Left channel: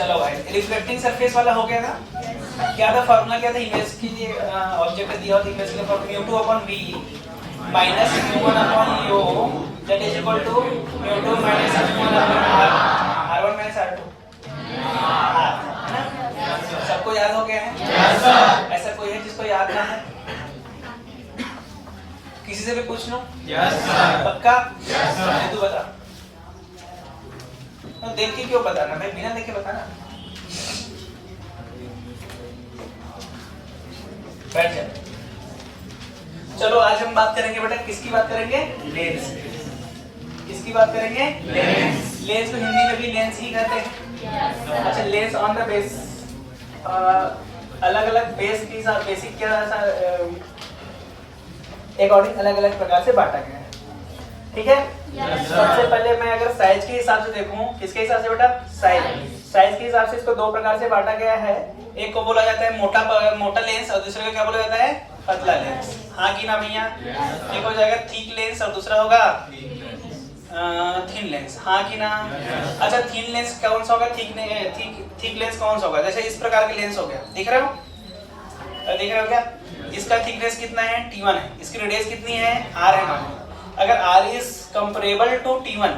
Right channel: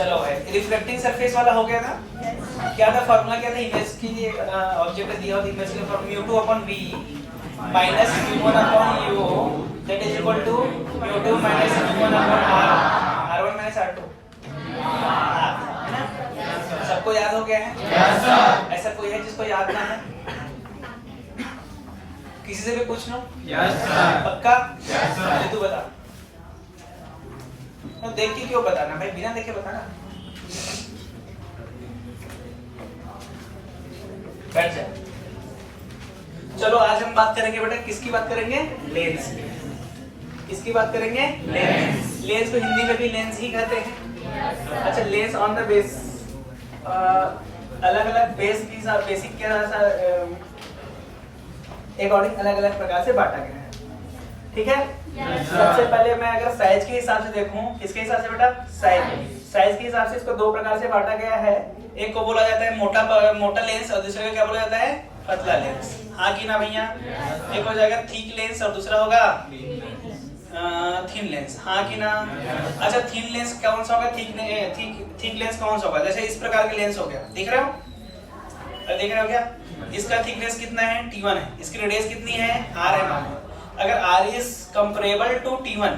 चलो भाई, reflecting surface वाला हो गया था। क्या था फॉर्मूला, क्या था इमेज के लिए? ऑब्जेक्ट दिया होता इमेज के लिए formula μ2 upon v minus μ1 upon u that is equal to μ2 minus μ1 upon r1 minus r2, है ना? सबको याद हो गया है? Yes sir. ऐसा कोई है जिसको याद ना है? किसी से भी पूछ लो। Yes sir. पक्का? Yes sir. तू बता। तो देख के क्यों बताना भाई, बिना देखे बताना। बैठ जा। चलो आज हम बात करेंगे बेटा, किसकी बात करेंगे? लेंस। किसकी बात करेंगे? लेंस। लेंस को हिंदी में भी लेंस ही कहते हैं। अच्छा, लेंस ऑन द बेस, अलग अलग बेस की बेसिक क्या अकॉर्डिंग अलग अलग प्रकार से बांटा गया है, ठीक है? सबसे पहले मैं अगर साइज के हिसाब से देखूं, किसके हिसाब से बेटा? साइज के हिसाब से इसको दो प्रकार से बांटा गया है। एक को बोला जाता है मोटा लेंस और दूसरे को क्या बोला जाता है? पतला लेंस। हाँ कि ना भैया? एक हो जाएगा थिक लेंस और दूसरा होगा थिन लेंस। हाँ कि ना? अच्छा, थिन लेंस कौन सा होगा? थिक लेंस कौन सा होगा? जैसे इस प्रकार के लेंस हो गया, देख रहे हो? देख रहे हो क्या? इसका थिकनेस कितना है? T1 है। इसकी रेडियस कितनी है? R है। अगर R is comparable to T1,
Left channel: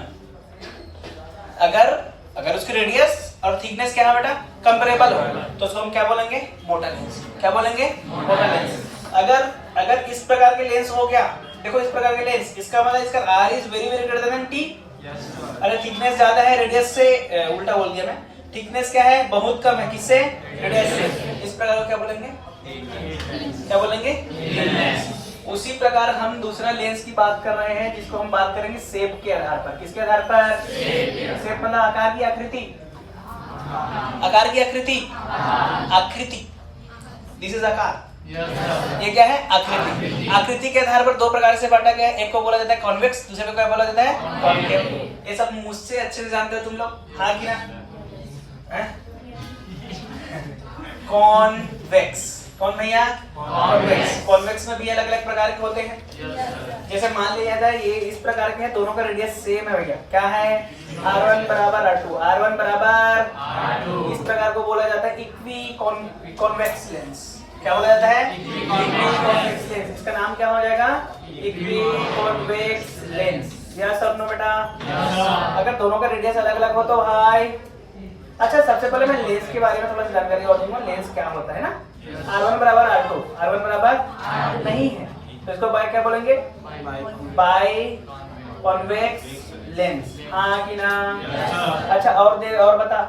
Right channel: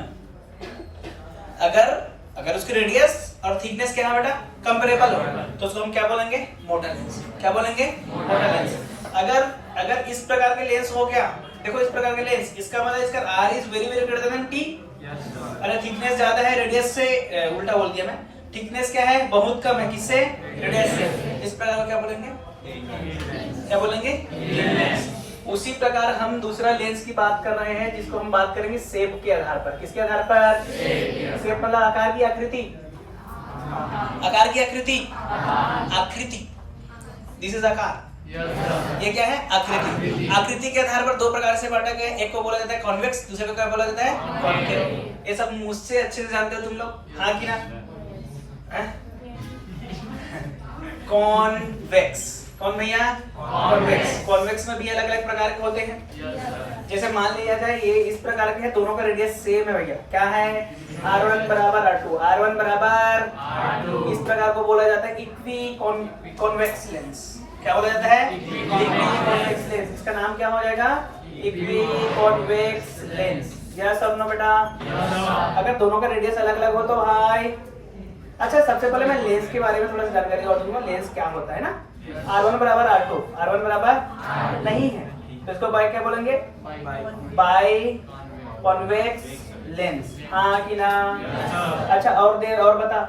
अगर उसकी रेडियस और थिकनेस क्या है बेटा? कंपेरेबल हो, तो उसको हम क्या बोलेंगे? मोटा लेंस। क्या बोलेंगे? मोटा लेंस। अगर इस प्रकार के लेंस हो गया, देखो इस प्रकार के लेंस, इसका मतलब इसका R is very very greater than T। अगर थिकनेस ज्यादा है रेडियस से, उल्टा बोल दिया मैं, थिकनेस क्या है? बहुत कम है, किससे? रेडियस से। इस प्रकार को क्या बोलेंगे? क्या बोलेंगे? उसी प्रकार हम दूसरा लेंस की बात कर रहे हैं, जिसको हम बात करेंगे शेप के आधार पर। किसके आधार पर? शेप मतलब आकार की आकृति। आकार की आकृति, दिस इज आकार। ये क्या है? आकृति। आकृति के आधार पर दो प्रकार से बांटा गया है। एक को बोला जाता है कॉन्वेक्स, दूसरे को क्या बोला जाता है? कॉन्केव। ये सब मुझसे अच्छे से जानते हो तुम लोग, हाँ कि ना? कॉन्वेक्स। कौन भैया? कॉन्वेक्स। कॉन्वेक्स में भी अलग अलग प्रकार के होते हैं। जैसे मान लिया जाता है ये इस प्रकार के हैं, दोनों का रेडियस सेम है भैया। क्या है? R1 बराबर R2, R1 बराबर R2। इस प्रकार को बोला जाता है इक्वी कॉन्वेक्स लेंस। क्या बोला जाता है? Equi convex lens. इसका नाम क्या हो जाएगा? Equi convex lens. यस और नो बेटा? अगर दोनों का रेडियस अलग अलग हो तो भाई, अच्छा सबसे पहले मैं लेंस के बारे में थोड़ा सा जानकारी और दूंगा। लेंस क्या होता है ना? R1 बराबर R2, R1 बराबर नहीं है तो इसको बाय क्या बोलेंगे? By convex lens. हाँ कि ना? अच्छा और बता,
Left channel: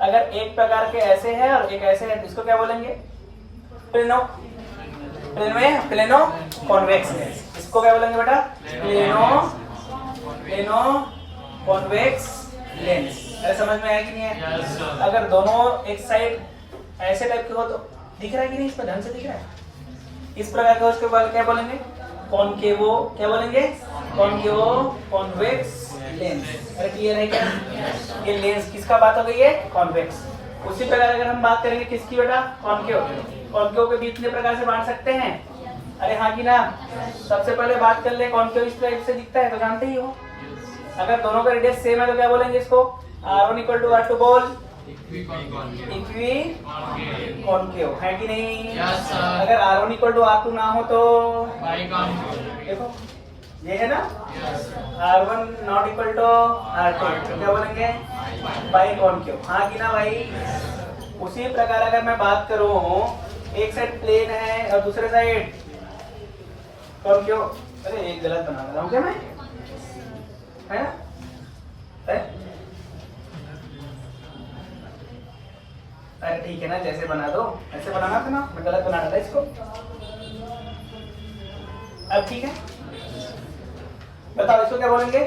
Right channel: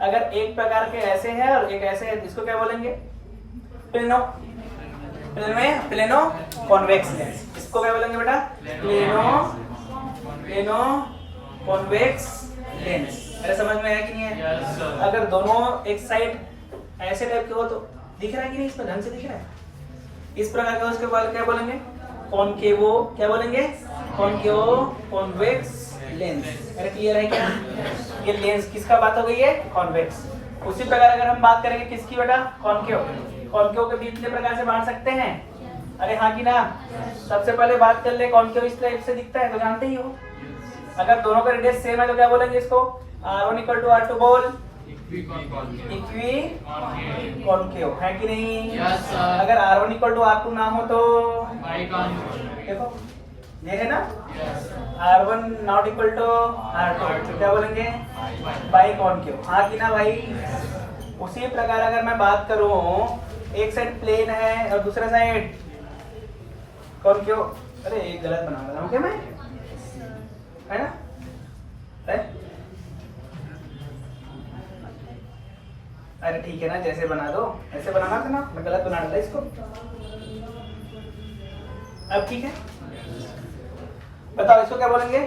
अगर एक प्रकार के ऐसे है और एक ऐसे है, इसको क्या बोलेंगे? Plano convex lens. इसको क्या बोलेंगे बेटा? Plano convex lens. अरे समझ में आया कि नहीं है? अगर दोनों एक साइड ऐसे टाइप के हो तो दिख रहा है कि नहीं? इसमें ढंग से दिख रहा है? इस प्रकार का उसके बाद क्या बोलेंगे? कॉनकेवो। क्या बोलेंगे? कॉनकेवो कॉन्वेक्स लेंस। अरे क्लियर है क्या? ये लेंस किसका बात हो गई है? कॉन्वेक्स। उसी प्रकार अगर हम बात करेंगे किसकी बेटा? कॉनकेव। कॉनकेव के भी इतने प्रकार से बांट सकते हैं। अरे हाँ कि ना? सबसे पहले बात कर ले, कॉनकेव इस टाइप से दिखता है तो जानते ही हो। अगर दोनों का रेडियस सेम है तो क्या बोलेंगे इसको? R1 इक्वल टू R2 बोल। इक्वी कॉनकेव है कि नहीं? अगर R1 इक्वल टू R2 ना हो तो देखो ये है ना, R1 not equal to R2, तो क्या बोलेंगे? By concave. हाँ कि ना भाई? उसी प्रकार अगर मैं बात करूं, एक साइड प्लेन है और दूसरे साइड कॉनकेव। अरे एक गलत बना रहा हूं क्या मैं? है ना? अरे ठीक है ना, जैसे बना दो ऐसे बनाना था ना, मैं गलत बना रहा था इसको। अब ठीक है, बताओ इसको क्या बोलेंगे?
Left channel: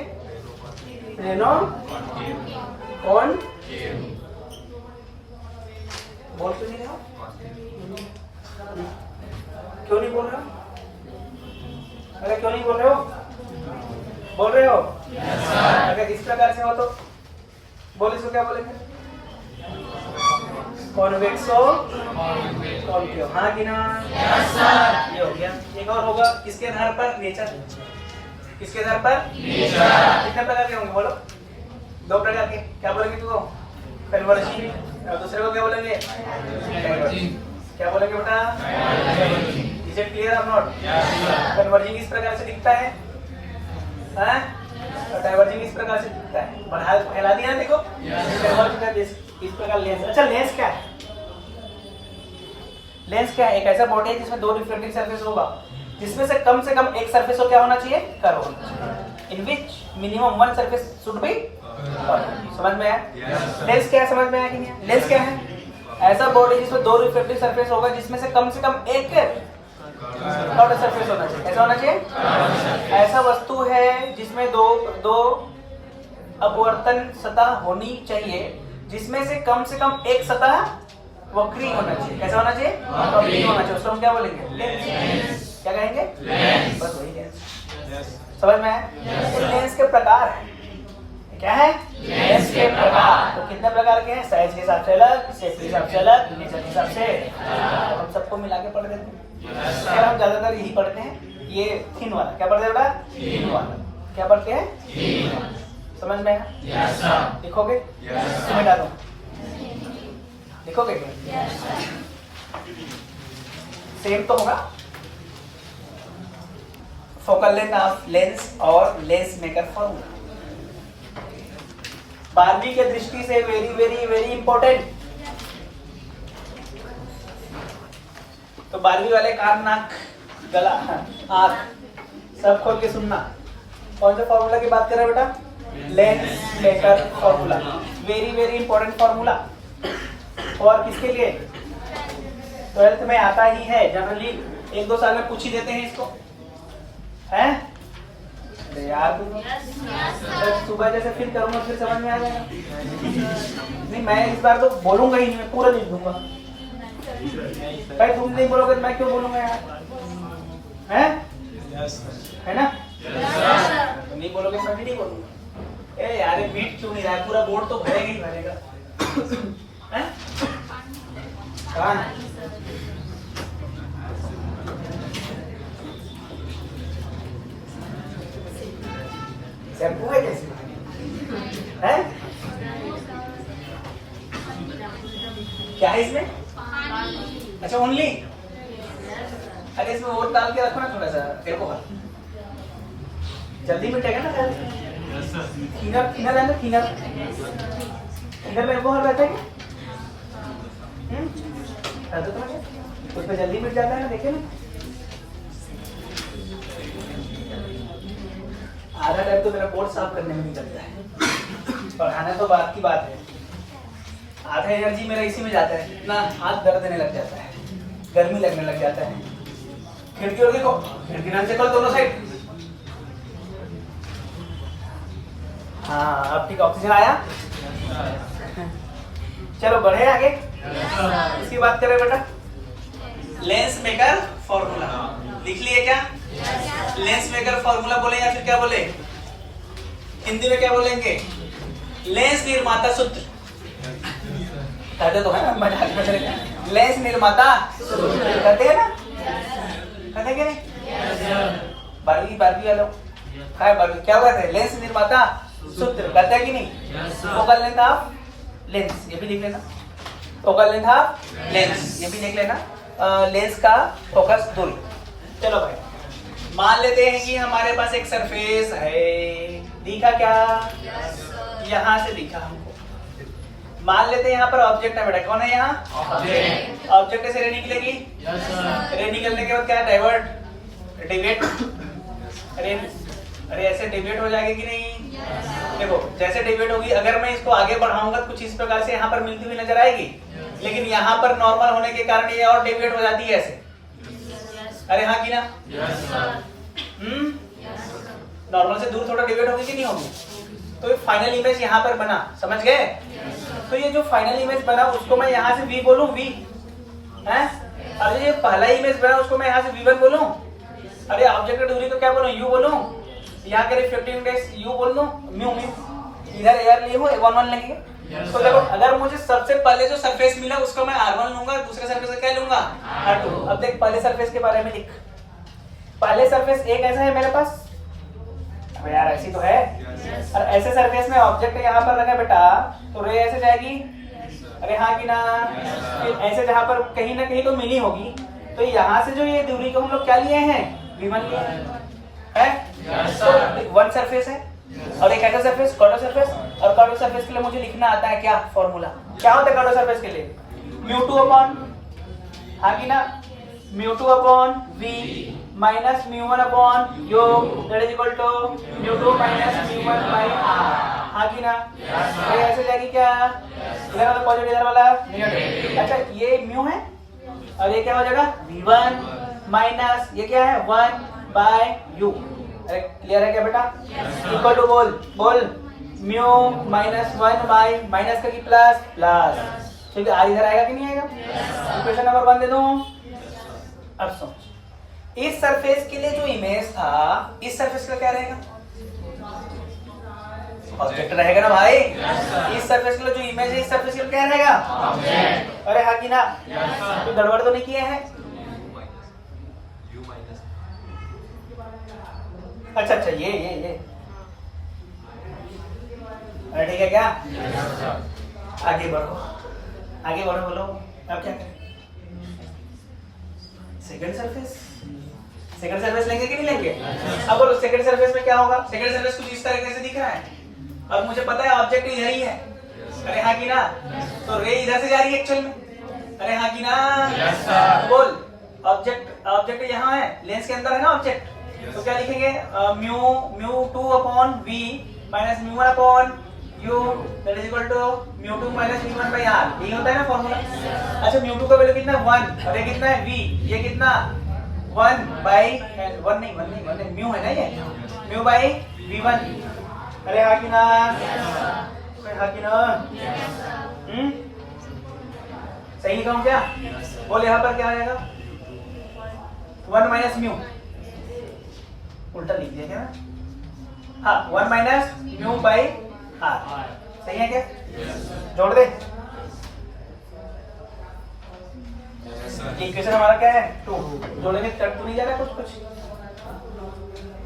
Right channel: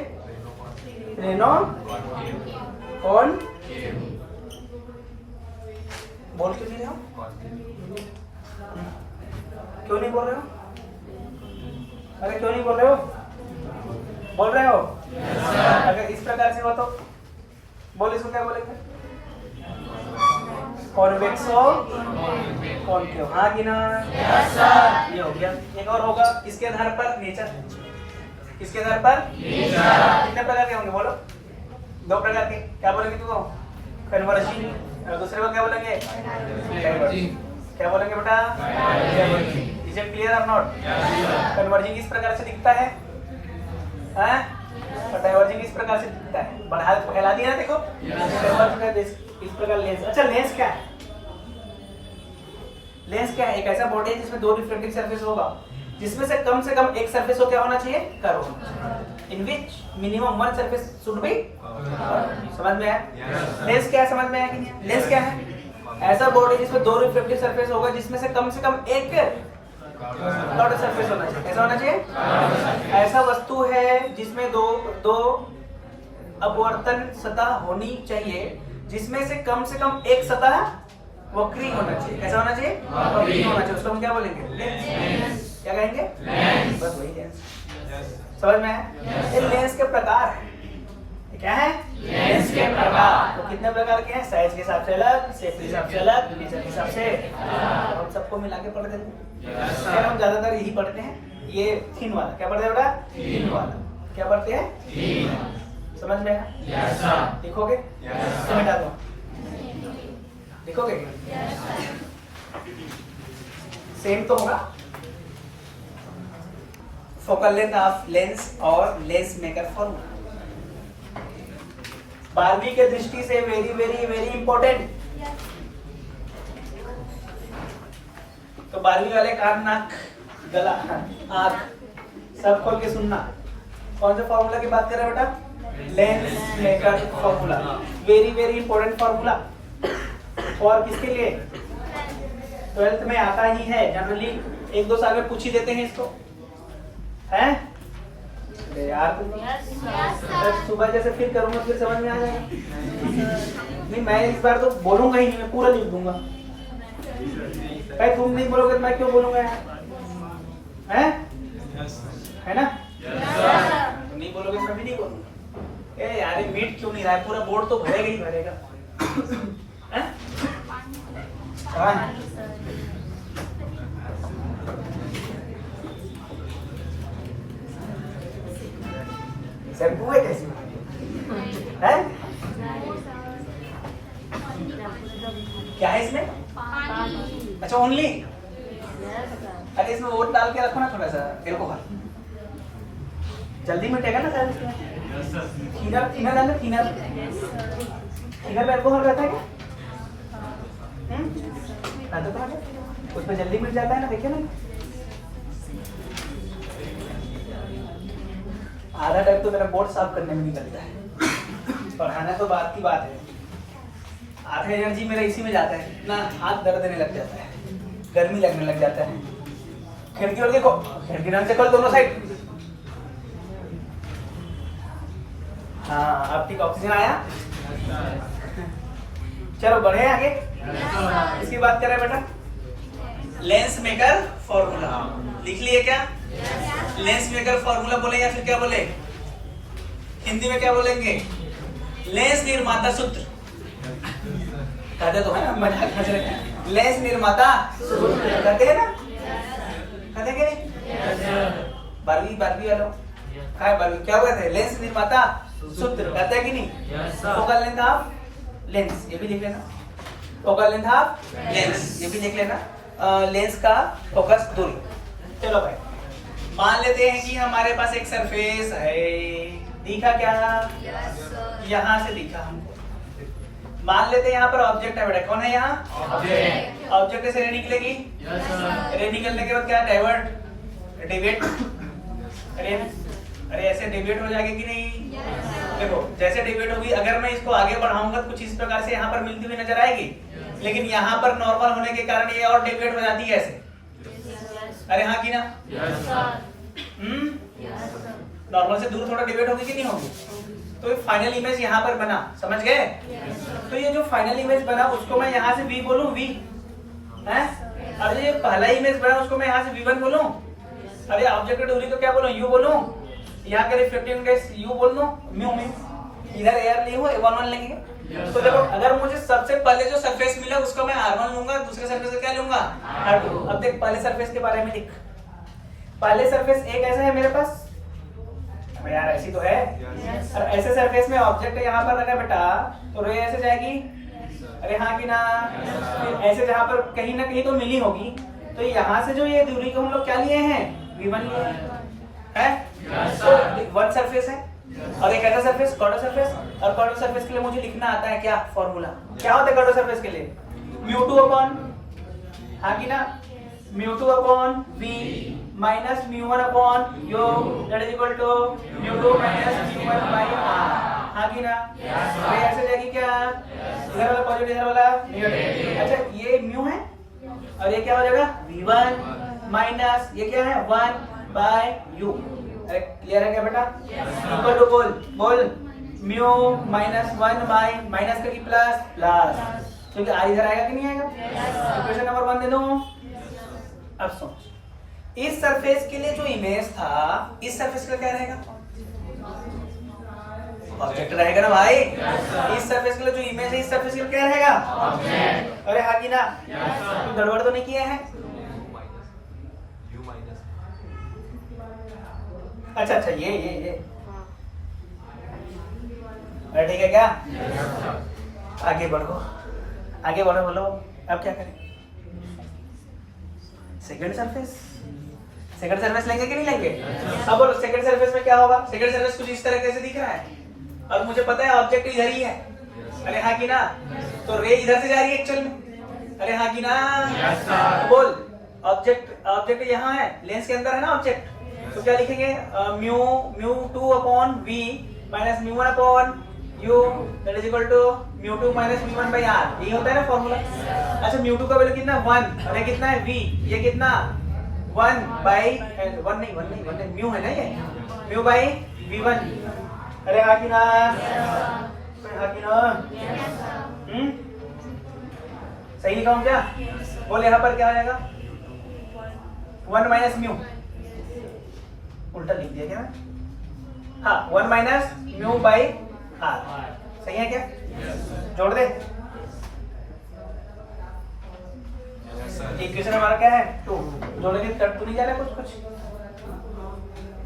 प्लेनो कौन? बोल क्यों नहीं रहे हो? क्यों नहीं बोल रहे हो? अरे क्यों नहीं बोल रहे हो? बोल रहे हो? अगर इस प्रकार से हो तो बोल, इसको क्या बोलेंगे? कॉन्वेक्सो कॉनकेव। हाँ कि ना? ये हो गया। एक और होगा किसके आधार पर? नेचर। किसके आधार पर? कितने प्रकार के होंगे बोलो? दो प्रकार के। क्या बोलेंगे तुमको? कन्वर्जिंग, और दूसरे को क्या बोलेंगे? डाइवर्जिंग। क्या बोलेंगे बेटा? इज इट क्लियर और नॉट? कन्वर्जिंग इस प्रकार से दिखता है, और डाइवर्जिंग इस प्रकार से दिखता है। बढ़ा फैला दिया देखो, इस प्रकार लेंस। अच्छा लेंस क्या है? लेंस क्या है? एक ऐसा बॉडी है जिसमें दो रिफ्लेक्टिंग सरफेस होगा, जिसमें से कम एक सरफेस को क्या होना चाहिए? कर्व होना चाहिए। In which minimum one surface should be. समझ में आया? लेंस क्या है? समझ में आया कि नहीं? लेंस क्या है? ऐसा बॉडी जिसमें दो रिफ्लेक्टिव सरफेस होगा, जिसमें से कम एक कर्व सरफेस होना चाहिए। ऐसा होना चाहिए। ऐसा वस्तु है जिसमें दो अपवर्तन सतह होनी चाहिए, जिसमें से कम एक सतह वक्री होना चाहिए। कैसा होना चाहिए? वक्री होना चाहिए। उसको हम क्या बोलेंगे? लेंस। क्या कहेंगे? लेंस। बस वही लेंस। समझ में आया? ये लेंस के प्रकार है। क्या है? लेंस के प्रकार। तो कितने प्रकार के हैं? साइज के हिसाब से अलग, शेप के हिसाब से अलग, नेचर के हिसाब से। हम सबको मिला के पढ़ देते हैं। फिर हम ज्यादातर यही पढ़ते हैं, ये थिन वाला। क्या पढ़ते हैं बेटा? थिन वाला। क्या पढ़ते हैं? थिन। समझ में आया? लिखोगे? मिटा दो। लिखोगे? सेम तो होगा। फोकल लेंथ ऑफ लेंस और लेंस मेकर फॉर्मूला 12वीं के दृष्टि से वेरी वेरी वेरी इंपॉर्टेंट। तो 12वीं वाले कान, नाक, गला, आंख सब खोल के सुनना। कौन से फॉर्मूला की बात कर रहे हैं बेटा? Lens maker formula. Very very important formula. और किसके लिए? 12th में आता ही है जनरली, 1-2 साल में पूछ ही देते हैं इसको, है? अरे यार तुम सुबह जैसे फिर करूंगा फिर समझ में आ जाएगा। नहीं मैं इस बार तो बोलूंगा ही नहीं, मैं पूरा लिख दूंगा। भाई तुम नहीं बोलोगे तो मैं क्यों बोलूंगा यार? हैं? है ना? तुम नहीं बोलोगे मैं भी नहीं बोलूंगा। ए यार ये मीट क्यों नहीं रहा है? पूरा बोर्ड तो भरेगा ही भरेगा। हैं? कहाँ है? शैम्पू है कैसी है? क्या है इसमें? अच्छा ओनली। अरे इसमें वोट डाल के रखो ना थोड़ा सा, तेरे को जल्दी मिटेगा ना सर। खीरा खीरा लेंगे, खीरा खीरा में अल्कोहल रहता है क्या? उसमें जल्दी मिट जाता है ना, देखिए ना। आधा टाइम तो मेरा बोर्ड साफ करने में निकलता है, पढ़ाना तो बात की बात है। आधा एनर्जी मेरा इसी में जाता है, इतना हाथ दर्द देने लग जाता है, गर्मी लगने लग जाता है। खिड़की और देखो, खिड़की ढंग से खोल दोनों साइड। हाँ अब ठीक, ऑक्सीजन आया। चलो बढ़े आगे। इसकी बात करें बेटा, लेंस मेकर फॉर्मूला लिख लिए क्या? लेंस मेकर फॉर्मूला बोले या फिर क्या बोले? हिंदी में क्या बोलेंगे? लेंस निर्माता सूत्र कहते तो है ना, मजाक में चले। लेंस निर्माता सूत्र कहते हैं ना, कहते हैं कि 12वीं वाला क्या हुआ था? लेंस निर्माता सूत्र कहते हैं कि नहीं? फोकल लेंथ ऑफ लेंस, ये भी लिख लेना। फोकल लेंथ ऑफ लेंस, ये भी लिख लेना। लेंस का फोकस दूरी। चलो भाई मान लेते हैं कि हमारे पास एक सरफेस है, दिखा क्या? यहाँ से दिखा हमको। मान लेते हैं यहाँ पर ऑब्जेक्ट है बेटा, कौन है यहाँ? ऑब्जेक्ट। ऑब्जेक्ट से रे निकलेगी, रे निकलने के बाद क्या? Divert, deviate. अरे ऐसे डिविएट हो जाएगी कि नहीं? देखो जैसे डिविएट होगी, अगर मैं इसको आगे बढ़ाऊंगा कुछ इस प्रकार से यहाँ पर मिलती हुई नजर आएगी, लेकिन यहाँ पर नॉर्मल होने के कारण ये और डिविएट हो जाती है ऐसे। अरे हाँ कि ना? नॉर्मल से दूर थोड़ा डिविएट होगी कि नहीं होगी? तो ये फाइनल इमेज यहाँ पर बना, समझ गए? तो ये जो फाइनल इमेज बना उसको मैं यहाँ से V बोलूं, V है? अरे ये पहला इमेज बना उसको मैं यहाँ से V1 बोलूं। अरे ऑब्जेक्ट दूरी को क्या बोलूं? U बोलूं। यहाँ के रिफ्लेक्टिव इंडेक्स U बोल दूं, म्यू। इधर एयर लिए हो 1 लगेंगे। तो देखो अगर मुझे सबसे पहले जो सरफेस मिला उसको मैं R1 लूंगा, दूसरे सरफेस क्या लूंगा? R2। अब देख पहले सरफेस के बारे में लिख। पहले सरफेस एक ऐसा है मेरे पास, अब यार ऐसी तो है। और ऐसे सरफेस में ऑब्जेक्ट यहाँ पर लगा बेटा, तो रे ऐसे जाएगी अरे हाँ कि ना? फिर ऐसे जहाँ पर कहीं ना कहीं तो मिली होगी, तो यहाँ से जो ये दूरी को हम लोग क्या लिए हैं, v1 लिए हैं, तो वन सरफेस है और एक ऐसा सरफेस कॉर्नर सरफेस, और कॉर्नर सरफेस के लिए मुझे लिखना आता है क्या फॉर्मूला, क्या होता है कॉर्नर सरफेस के लिए, μ2 अपॉन, हाँ कि ना, μ2 upon v minus μ1 upon u that is equal to μ2 minus μ1 by r, हाँ कि ना? ये ऐसे जाएगी क्या, इधर वाला पॉजिटिव इधर वाला नेगेटिव। अच्छा ये म्यू है और ये क्या हो जाएगा v1 माइनस ये क्या है 1 बाय u। अरे क्लियर है क्या बेटा? इक्वल टू बोल म्यू माइनस 1 बाय माइनस का की प्लस प्लस, क्योंकि r इधर आएगा कि नहीं आएगा? इक्वेशन नंबर 1 दे दो। अब सोच, इस सरफेस के लिए जो इमेज था, इस सरफेस का क्या रहेगा, ऑब्जेक्ट रहेगा ना भाई। इस सरफेस के लिए जो इमेज है, इस सरफेस के लिए क्या रहेगा, ऑब्जेक्ट। अरे हाँ कि ना? तो गड़बड़ तो नहीं किया है? अच्छा ये अरे ठीक है क्या? आगे बढ़ो बोलो। अब क्या करें? सेकंड सरफेस लेंगे कि नहीं लेंगे? अब बोलो सेकंड सरफेस में क्या होगा? सेकंड सरफेस कुछ इस तरह से दिख रहा है और मुझे पता है ऑब्जेक्ट इधर ही है। अरे हाँ कि ना? तो रे इधर से जा रही है एक्चुअल में। अरे हाँ कि ना? बोल, ऑब्जेक्ट यहाँ है, लेंस के अंदर है ना ऑब्जेक्ट, तो क्या लिखेंगे, μ2 upon v minus μ1 upon u that is equal to μ2 minus μ1 by r। यही होता है ना फॉर्मूला। अच्छा μ2 का वैल्यू कितना 1 और ये कितना है v, ये कितना 1 बाय 1 नहीं म्यू है ना, ये म्यू बाय v1। अरे हाँ कि ना? सही लिखा हूँ क्या? बोल यहाँ पर क्या आ जाएगा, 1 माइनस म्यू, उल्टा लिख दिया क्या? हाँ 1 माइनस म्यू बाई आर, सही है क्या? जोड़ दे। इक्वेशन हमारा क्या है 2, जोड़ेंगे कट तो नहीं जा रहा कुछ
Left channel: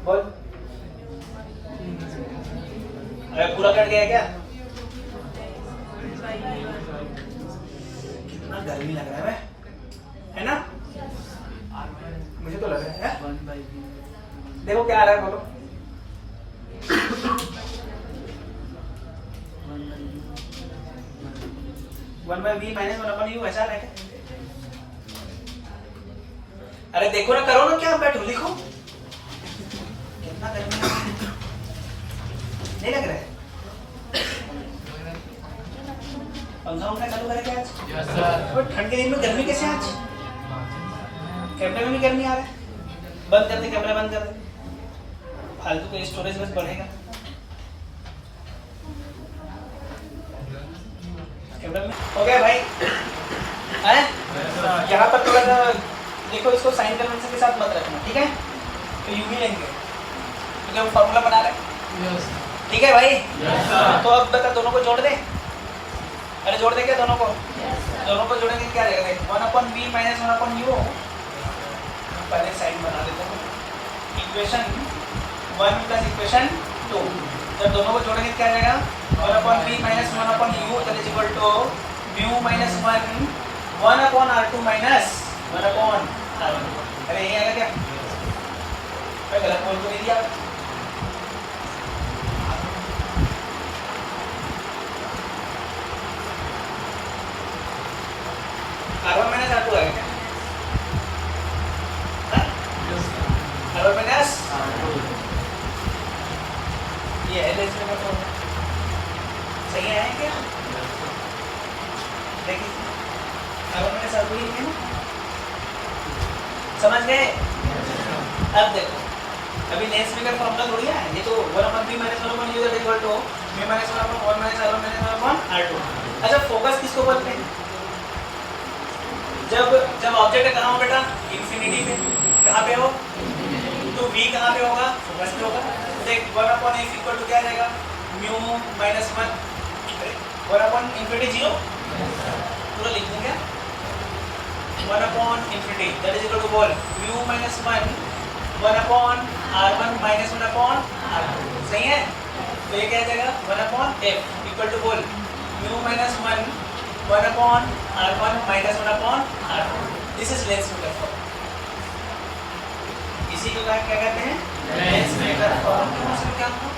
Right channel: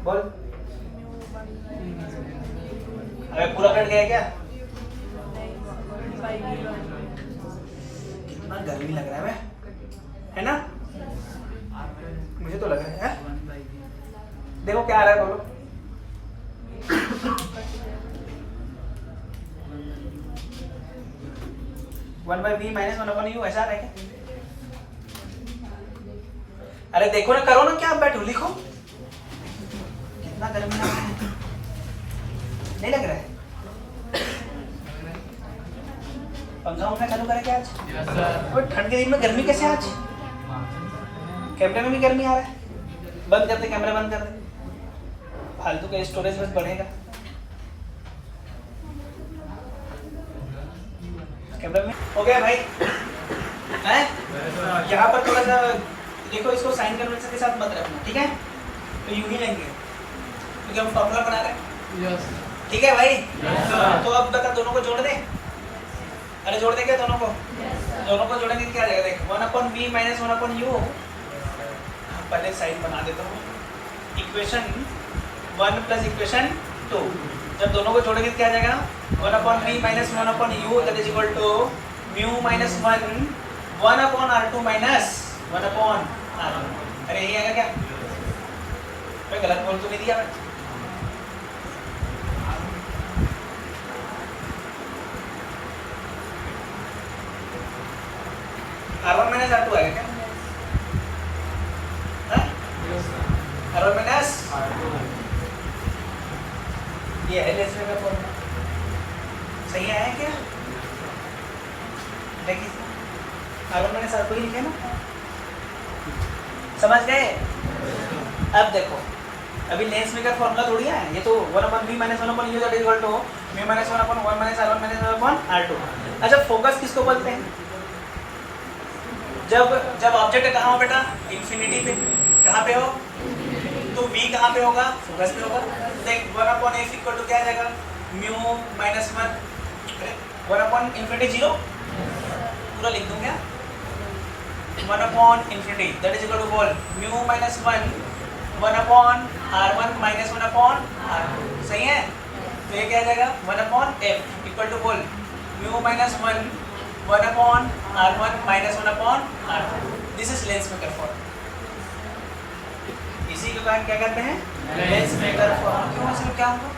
बोल। अरे पूरा कट गया क्या? कितना गर्मी लग रहा है ना? मुझे तो लग रहा है। देखो क्या आ रहा है बोलो। One by v minus 1 upon u, ऐसा आ रहा है क्या? अरे देखो ना, करो ना, क्या बैठो लिखो। कितना गर्मी लग रहा है, नहीं लग रहा है? पंखा चालू करें क्या आज? ठंड के दिन में गर्मी कैसे आज? कैमरे में भी गर्मी आ रहा है। बंद कर दे, कैमरा बंद कर दे, फालतू का स्टोरेज बस बढ़ेगा। कैमरा में हो गया भाई? यहाँ पर थोड़ा सा देखो, इसको साइन कन्वेंशन के साथ मत रखना, ठीक है? तो यूं ही लेंगे क्योंकि हम फॉर्मूला बना रहे हैं। ठीक है भाई? तो अब बता, दोनों को जोड़ दे। अरे जोड़ देंगे दोनों को? दोनों को जोड़ेंगे क्या रहेगा, 1 upon v minus 1 upon u। पहले साइन बना देता हूँ, इक्वेशन 1 प्लस इक्वेशन 2। जब दोनों को जोड़ेंगे क्या जाएगा, 1 upon v minus 1 upon u that is equal to mu minus 1 upon r2 minus 1 upon r1। अरे यही आएगा क्या? मैं गलत बोल तो नहीं दिया? r1 माइनस r2 आएगा क्या? r1 माइनस ये है लेस का फॉर्मूला, सही आया है क्या? देखिए r1 माइनस r2 ही लिखे ना, समझ गए? अब देखो, अभी लेंस मेकर फॉर्मूला थोड़ी है ये, तो 1 upon v minus 1 upon u that is equal to v minus 1 upon 1 minus r1 minus 1 upon r2। अच्छा फोकस किसको बोलते हैं? जब ऑब्जेक्ट कहाँ हो बेटा, इंफिनिटी पे। कहाँ पे हो? तो v कहाँ पे होगा? फोकस पे होगा। देख 1 अपॉन x इक्वल टू क्या आ जाएगा, म्यू माइनस 1 अपॉन इंफिनिटी 0, पूरा लिख दूँ क्या? 1 upon infinity that is equal to बोल mu minus 1 upon r1 minus 1 upon r2, सही है? तो ये क्या आ जाएगा 1 अपॉन f इक्वल टू बोल mu minus 1 1/r1 minus 1/r2. This is lensmaker form. इसी को क्या कहते हैं? Lensmaker form. क्यों? इसमें क्या होगा?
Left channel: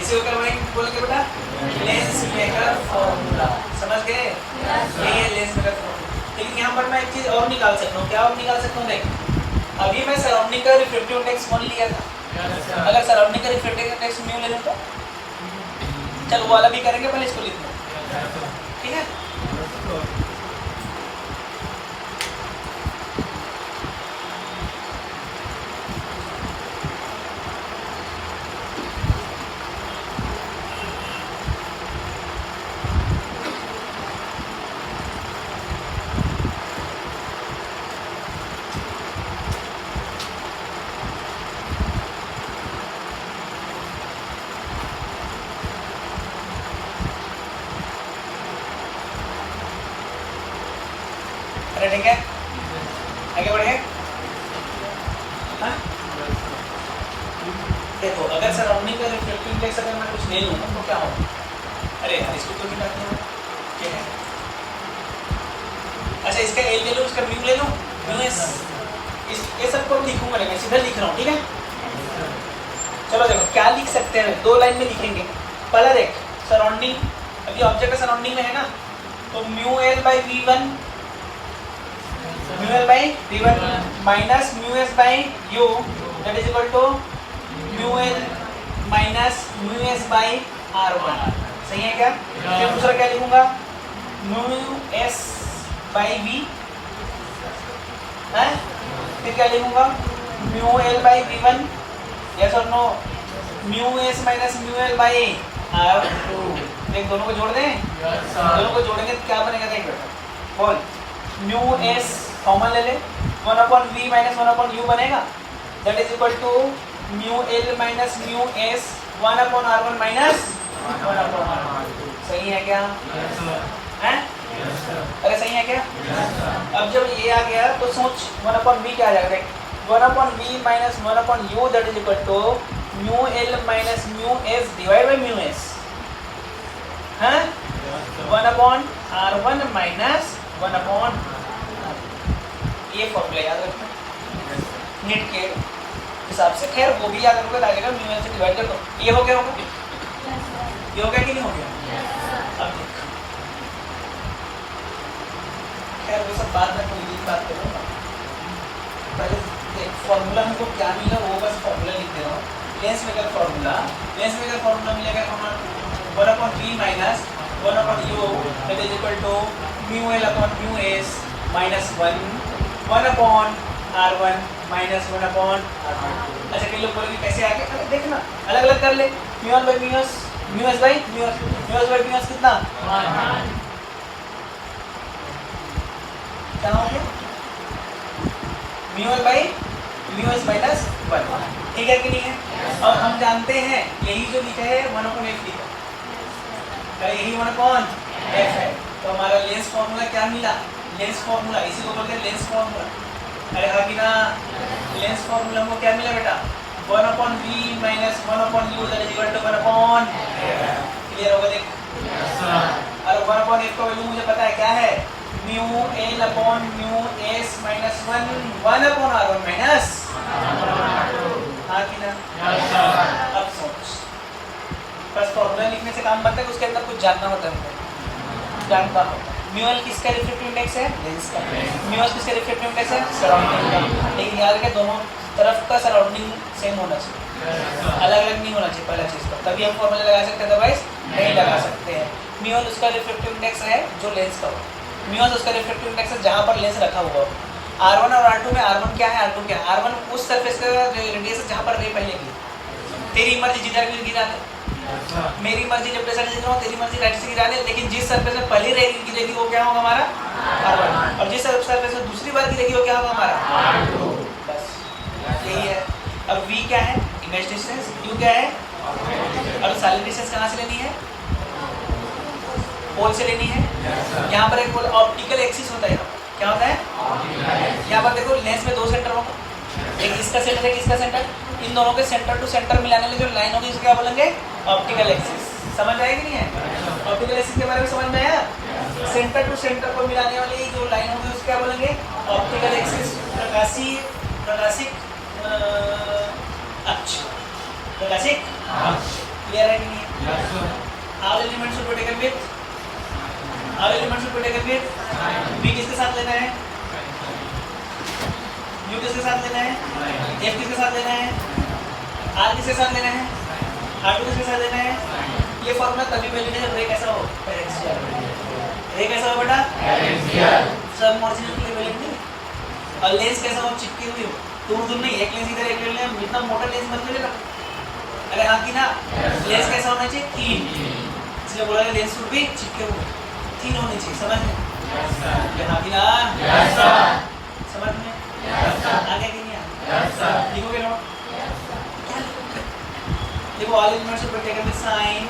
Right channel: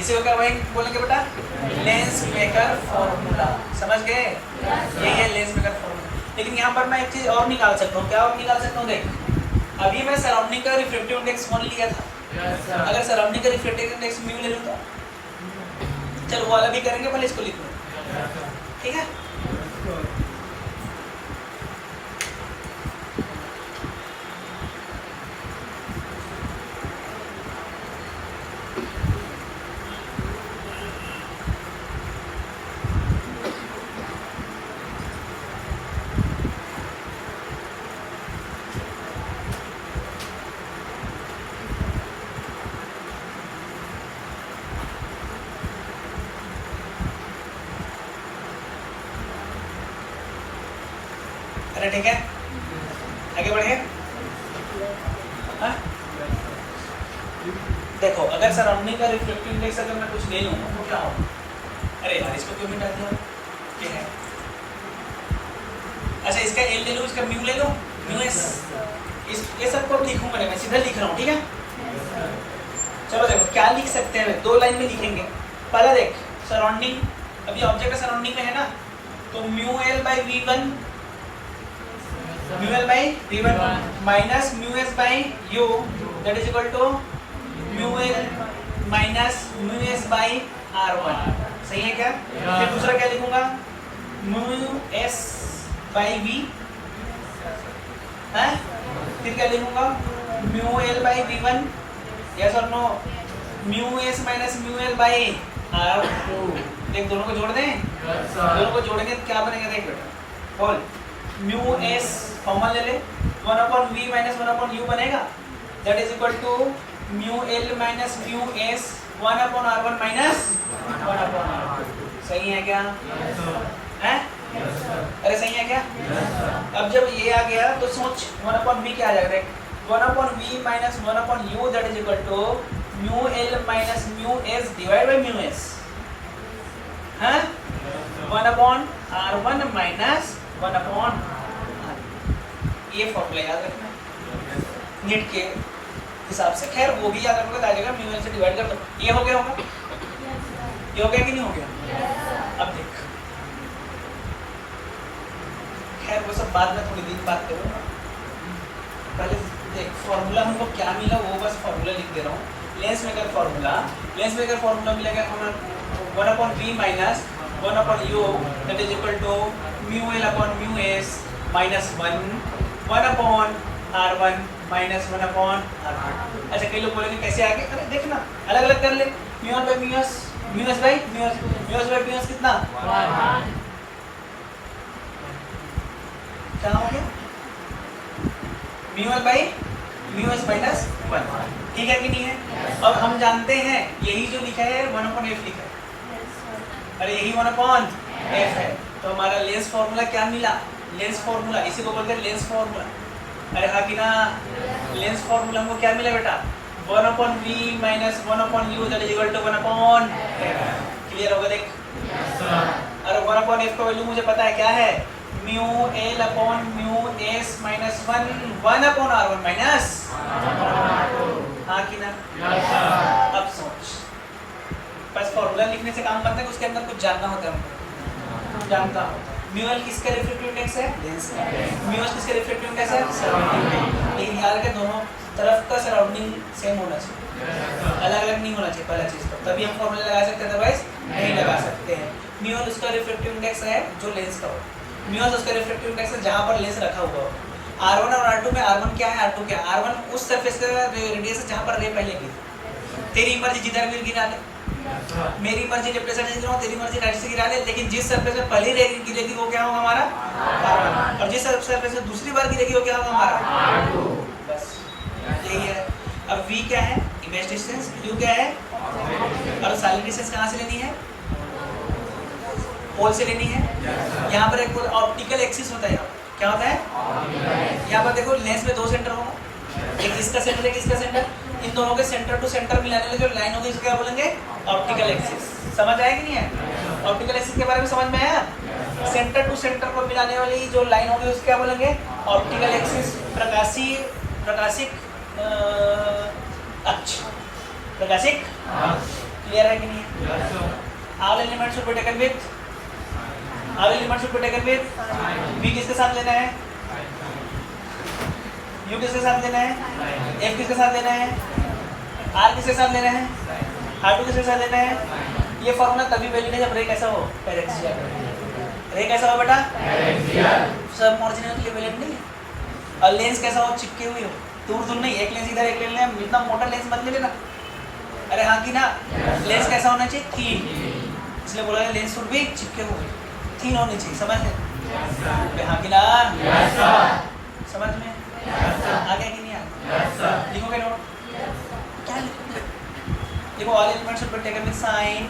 इसी को क्या भाई बोलोगे बेटा? लेंसमेकर फॉर्मूला। समझ गए? यही है लेंसमेकर फॉर्मूला। लेकिन यहाँ पर मैं एक चीज और निकाल सकता हूँ। क्या और निकाल सकता हूँ? देख, अभी मैं सराउंडिंग का रिफ्लेक्टिव इंडेक्स 1 लिया था। अगर सराउंडिंग का रिफ्लेक्टिव इंडेक्स म्यू ले लूँ तो चल वो वाला भी करेंगे, पहले इसको लिख लो, ठीक है? ठीक है, आगे बढ़िए। हाँ? देखो, अगर सराउंडिंग का रिफ्लेक्टिव इंडेक्स अगर मैं कुछ ले लूँगा तो क्या होगा? अरे यार, इसको क्यों मिलाती हो? क्या है? अच्छा, इसका ए ले लो, इसका म्यू ले लो, म्यू एस। ये सबको लिखूंगा, मैं सीधा लिख रहा हूँ, ठीक है? चलो देखो क्या लिख सकते हैं, 2 लाइन में लिखेंगे। पहला देख, सराउंडिंग, अभी ऑब्जेक्ट का सराउंडिंग में है ना, तो mu L by we one, mu L by we one minus mu s by u, that is equal to mu l minus mu s by r one. सही है क्या? फिर दूसरा क्या लिखूंगा? म्यू एस बाई वी है, फिर क्या लिखूंगा? Mu L by we one, yes और no? Mu S minus mu L by R two. देख, दोनों को जोड़ दें, दोनों को जोड़ेंगे तो क्या बनेगा? देख बेटा, बोल। म्यू एस कॉमन ले ले, 1/v माइनस 1/u बनेगा, that is equal to mu l minus mu s 1/r1 minus 1/r2। सही है क्या? हैं? अरे सही है क्या? अब जब ये आ गया तो सोच 1/v क्या आ जाएगा? 1/v minus 1/u, that is equal to mu l minus mu s divide by mu s, हैं? 1/r1 minus 1/r2। ये फॉर्मूला याद रखना नीट के हिसाब से। खैर वो भी याद रखोगे, आ जाएगा, म्यू एल से डिवाइड कर दो। ये हो गया होगा? ये हो गया कि नहीं हो गया? अब देख, खैर वो सब बाद में थोड़ी देर बात करूँगा। पहले देख, फॉर्मूला हमको क्या मिला वो बस फॉर्मूला लिख दे रहा हूँ। लेंसमेकर फॉर्मूला, लेंसमेकर फॉर्मूला मिलेगा 1/v minus 1/u, that is equal to mu l upon mu S minus 1/r1 minus 1/r2। अच्छा, कई लोग बोलेंगे कैसे आगे? अरे देखना, अलग अलग कर ले। Mu L by mu S, mu s by mu S, mu s by mu s कितना? क्या हो गया? Mu L by mu S minus 1। ठीक है कि नहीं है? और हम जानते हैं यही जो लिखा है 1/f लिखा है, अरे यही 1/f है, तो हमारा लेंस फॉर्मूला क्या मिला? लेंस फॉर्मूला, इसी को बोलते हैं लेंस फॉर्मूला। अरे हाँ कि ना? लेंस फॉर्मूला हमको क्या मिला बेटा? 1/v minus 1/u, that is equal to 1/f। Clear होगा? देख, अरे 1/f का वैल्यू मुझे पता है क्या है? Mu l upon mu S minus 1/r1 minus, हाँ कि ना? अब सोच, बस फॉर्मूला लिखने से काम बनता है, उसके अंदर कुछ जानना होता है, जानता हो। म्यू एल किसका रिफ्लेक्टिव इंडेक्स है? लेंस का। म्यू एस किसका रिफ्लेक्टिव इंडेक्स है? सराउंडिंग का। लेकिन याद रखें, दोनों तरफ का सराउंडिंग सेम होना चाहिए, अलग अलग नहीं होना चाहिए पहला चीज़ का, तभी हम फॉर्मूला लगा सकते हैं, अदरवाइज नहीं लगा सकते हैं। म्यू एल उसका रिफ्लेक्टिव इंडेक्स है जो लेंस का हो, म्यू एस उसका रिफ्लेक्टिव इंडेक्स है जहाँ पर लेंस रखा हुआ हो। R1 और R2 में R1 क्या है, R2 क्या है? R1 उस सरफेस का जो रेडियस है जहाँ पर रे पहले गिरी। तेरी मर्जी जिधर भी गिरा दे, मेरी मर्जी लेफ्ट साइड से गिरा, तेरी मर्जी राइट से गिरा दे, लेकिन जिस सरफेस में पहली रे गिरेगी वो क्या होगा? हमारा R1। और जिस सरफेस में दूसरी बार गिरेगी वो क्या होगा? हमारा R2। बस यही है। अब V क्या है? Image distance. U क्या है? और सॉलिड डिस्टेंस कहाँ से लेनी है? पोल से लेनी है। यहाँ पर एक ऑप्टिकल एक्सिस होता है, क्या होता है? यहाँ पर देखो लेंस में 2 सेंटर होगा, एक इसका सेंटर है, किसका सेंटर? इन दोनों के सेंटर टू सेंटर मिलाने वाली जो लाइन होगी उसको क्या बोलेंगे? Optical axis. समझ आया कि नहीं है? ऑप्टिकल एक्सिस के बारे में समझ में आया? सेंटर टू सेंटर को मिलाने वाली जो लाइन होगी उसको क्या बोलेंगे? Optical axis. प्रकाशिक अक्ष। प्रकाशिक क्लियर है कि नहीं? All elements should be taken with बी किसके साथ लेना है? यू किसके साथ लेना है? एफ किसके साथ लेना है? आर किसके साथ लेना है? R2 किसके साथ लेना है? ये फॉर्मूला तभी वैलिड है जब रे कैसा हो? पैरेक्सियल। रे कैसा हो बेटा? सब ऑरिजिनल के लिए वैलिड नहीं है। और लेंस कैसा हो? चिपके हुए हो। दूर नहीं, एक लेंस इधर एक लेंस, जितना मोटा लेंस मत ले लेना। अरे हाँ कि ना? लेंस कैसा होना चाहिए? थीन। इसलिए बोला लेंस शुड बी चिपके हुए, थीन होनी चाहिए। समझ में? हाँ कि ना? समझ में आगे कि नहीं आगे? लिखो बेटा, देखो all elements should be taken with sign.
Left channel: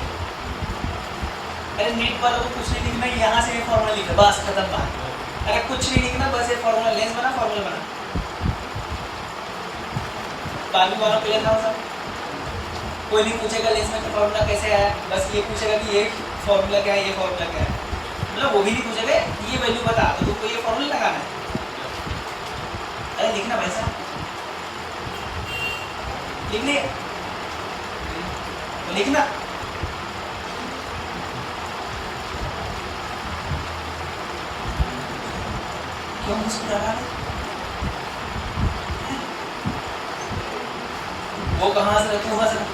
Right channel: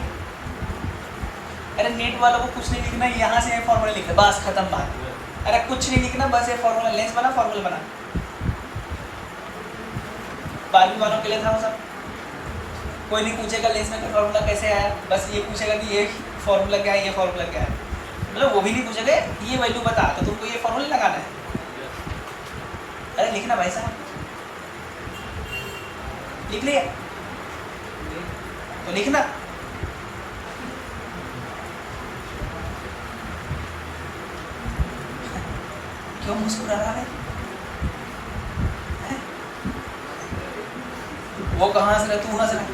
अरे नेट वालों को कुछ नहीं लिखना, यहाँ से फॉर्मूला लिखना, बस खत्म बात। अरे कुछ नहीं लिखना, बस ये फॉर्मूला, लेंस बना, फॉर्मूला बना। 12वीं वालों के लिए था वो सब। कोई नहीं पूछेगा लेंस में फॉर्मूला कैसे आया, बस ये पूछेगा कि ये फॉर्मूला क्या है, ये फॉर्मूला क्या है। मतलब वो भी नहीं पूछेगा ये वैल्यू बता, तो तुमको ये फॉर्मूला लगाना है। अरे लिखना भाई साहब, लिख लिया तो लिखना। क्यों मुस्कुरा रहा है? वो कहाँ हंस रहा है, तू हंस रहा है।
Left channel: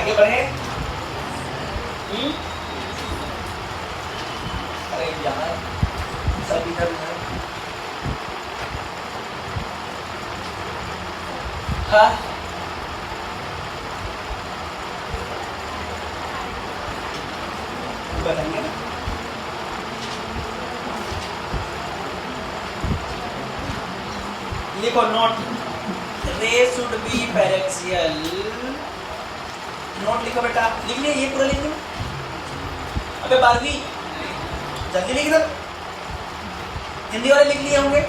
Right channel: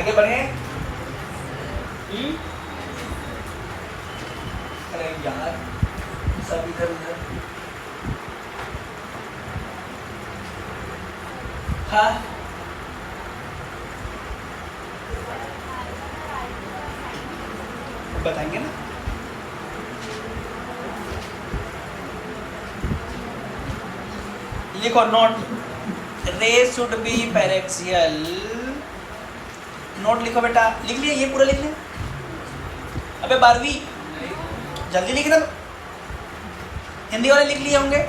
आगे बढ़े। अरे यार सब इधर उधर। हाँ बताएंगे ना। लिखो नोट, रे शुड बी पैरेक्सियल। नोट लिखो बेटा, लिख लिया? ये पूरा लिख लो। अबे 12वीं जल्दी लिख दो। हिंदी वाले लिख लिए होंगे?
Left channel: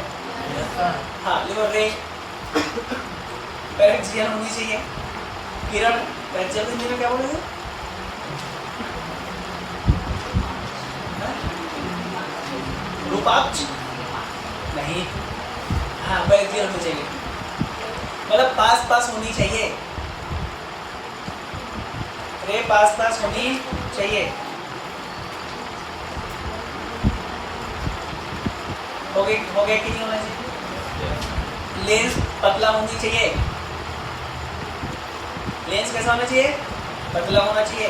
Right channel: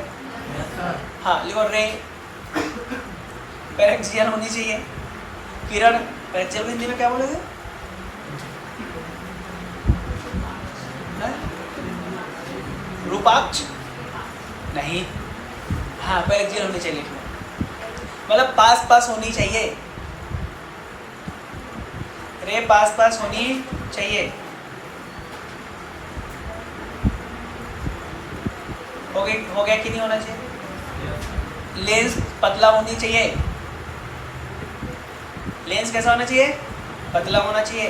हाँ लिखो, रे पैरेक्सियल होनी चाहिए। किरण पैरेक्सियल को हिंदी में क्या बोलोगे? रूपाक्ष नहीं। हाँ पैरेक्सियल होनी चाहिए, मतलब पास पास होनी चाहिए। रे पास पास होनी चाहिए। हो गया कि नहीं होना चाहिए? लेंस पतला होनी चाहिए। लेंस कैसा होना चाहिए? पतला होना चाहिए।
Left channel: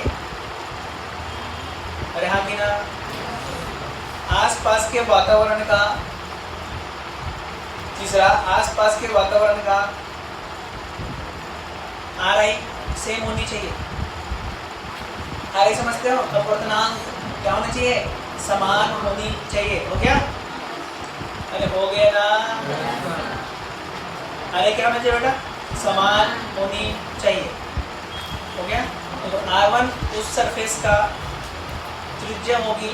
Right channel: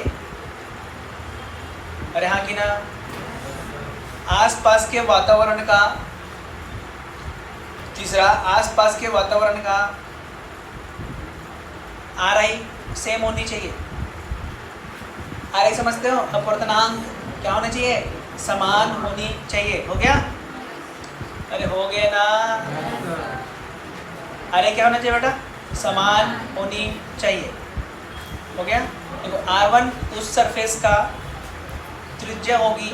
अरे हाँ कि ना? आसपास के वातावरण का, तीसरा आसपास के वातावरण का RI सेम होनी चाहिए। RI समझते हो? अपवर्तनांक क्या होना चाहिए? समान होनी चाहिए। हो गया? अरे हो गया ना? RI क्या होना चाहिए बेटा? समान होनी चाहिए। हो गया? तो R1 उस सरफेस का त्रिज्या होगी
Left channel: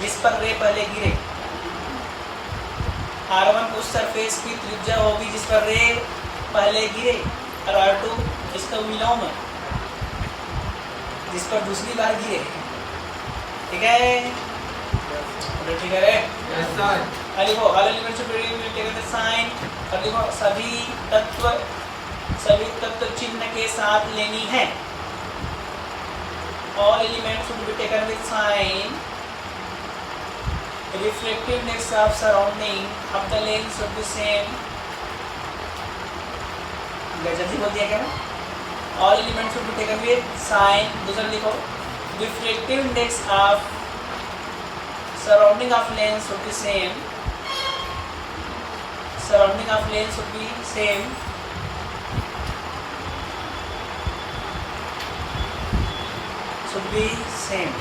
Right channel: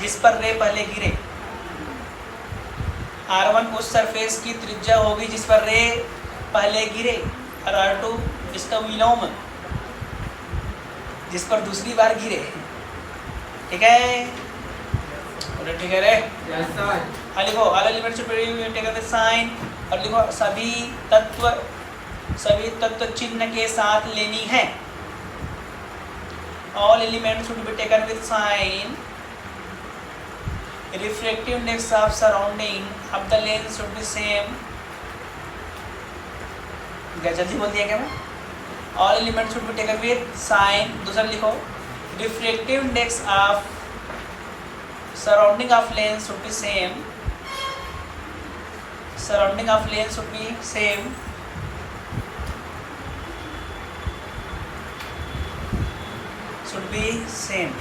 जिस पर रे पहले गिरे। R1 उस सरफेस की त्रिज्या होगी जिस पर रे पहले गिरे, और R2 इसका विलोम जिस पर दूसरी बार गिरे। ठीक है? ठीक है रे? लिखो all elements should be taken with sign. और लिखो सभी तत्व चिन्ह के साथ लेनी है। All elements should be taken with sign. Refractive index of surrounding of the lens should be same. क्या जल्दी बोल दिया क्या ना? All elements should be taken with sign. दूसरा लिखो, refractive index of surrounding of lens should be same. Surrounding of lens should be same. Should be same.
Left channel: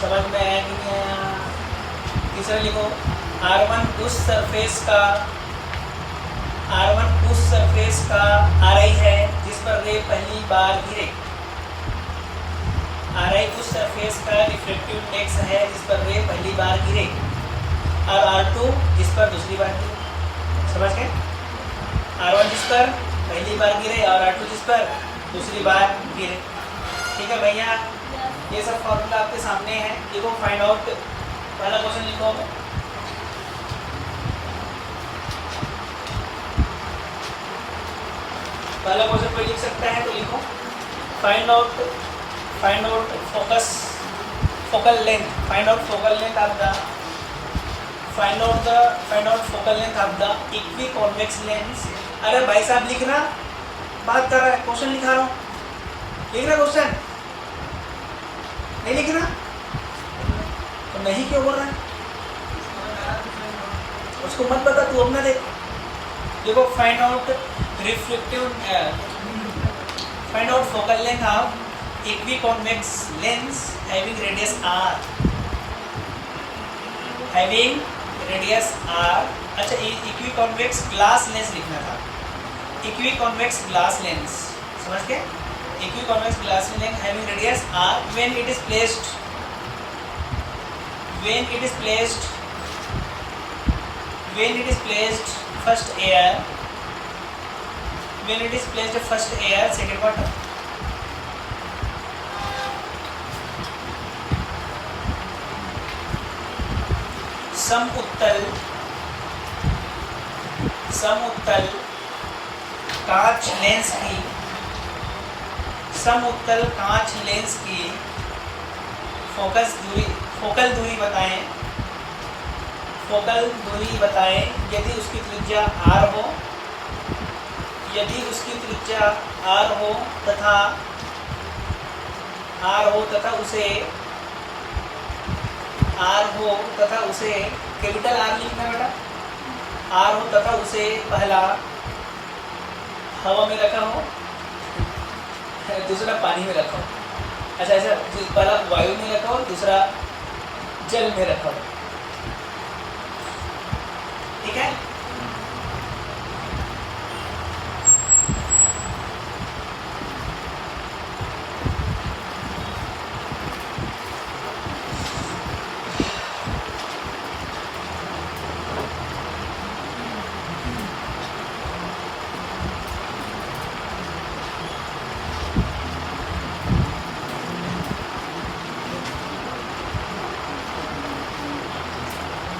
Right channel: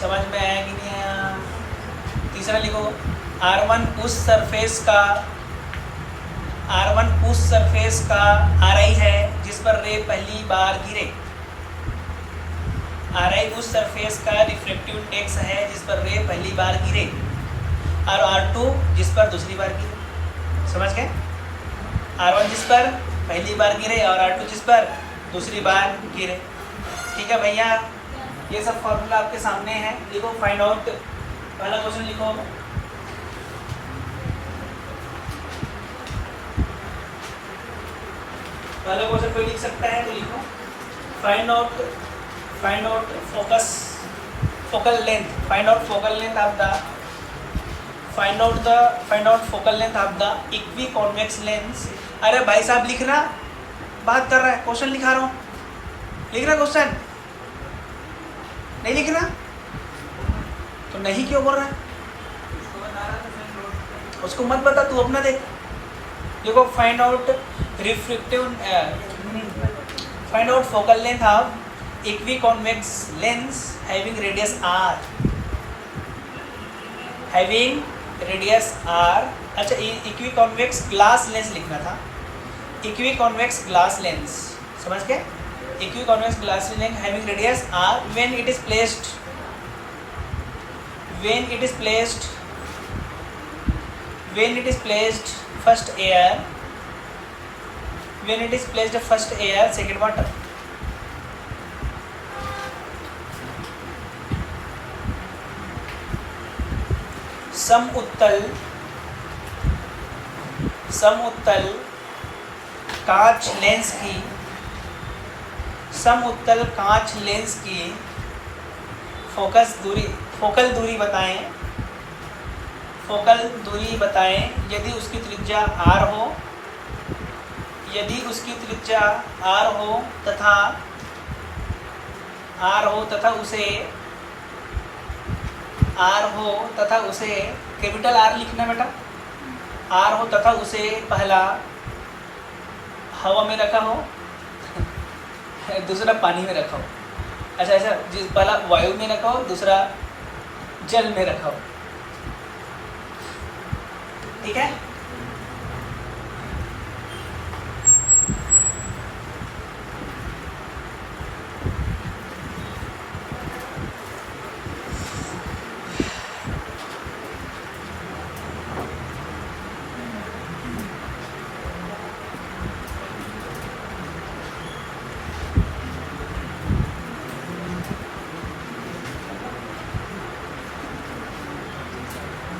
समझ में आया कि नहीं आया? तीसरा लिखो, R1 उस सरफेस का RI है जिस जिस पर रे पहली बार गिरे। Ri उस सरफेस का रिफ्लेक्टिव इंडेक्स है जिस पर रे पहली बार गिरे, और R2 जिस पर दूसरी बार गिरे। समझ गए? R1 जिस पर पहली बार गिरे और R2 जिस पर दूसरी बार गिरे। ठीक है भैया, ये सब फॉर्मूला आपके सामने है। लिखो फाइंड आउट, पहला क्वेश्चन लिखो। पहला क्वेश्चन कोई लिख सकता है तो लिखो। Find out focal length, find out focal length of the find out focal length of the equi convex lens. अरे भाई साहब लिखना, बात कर रहा है, क्वेश्चन लिखा रहा हूँ, लिखना क्वेश्चन नहीं लिखना तो नहीं क्यों बोल रहा है? उसको मत बता, तू अपना देख। देखो find out focal length of equi convex lens having radius r, having radius r। अच्छा, इक्वी कॉन्वेक्स ग्लास लेंस लिखना था, इक्वी कॉन्वेक्स ग्लास लेंस, समझ गए? Equi convex glass lens having radius r when it is placed first air second water। समउत्तल कांच lens की focal दूरी बताएं यदि उसकी त्रिज्या r हो तथा उसे कैपिटल R लिखना बेटा, R हो तथा उसे पहला हवा में रखा हो, दूसरा पानी में रखा हो। अच्छा ऐसा, पहला वायु में रखा हो, दूसरा जल में रखा हो। ठीक है?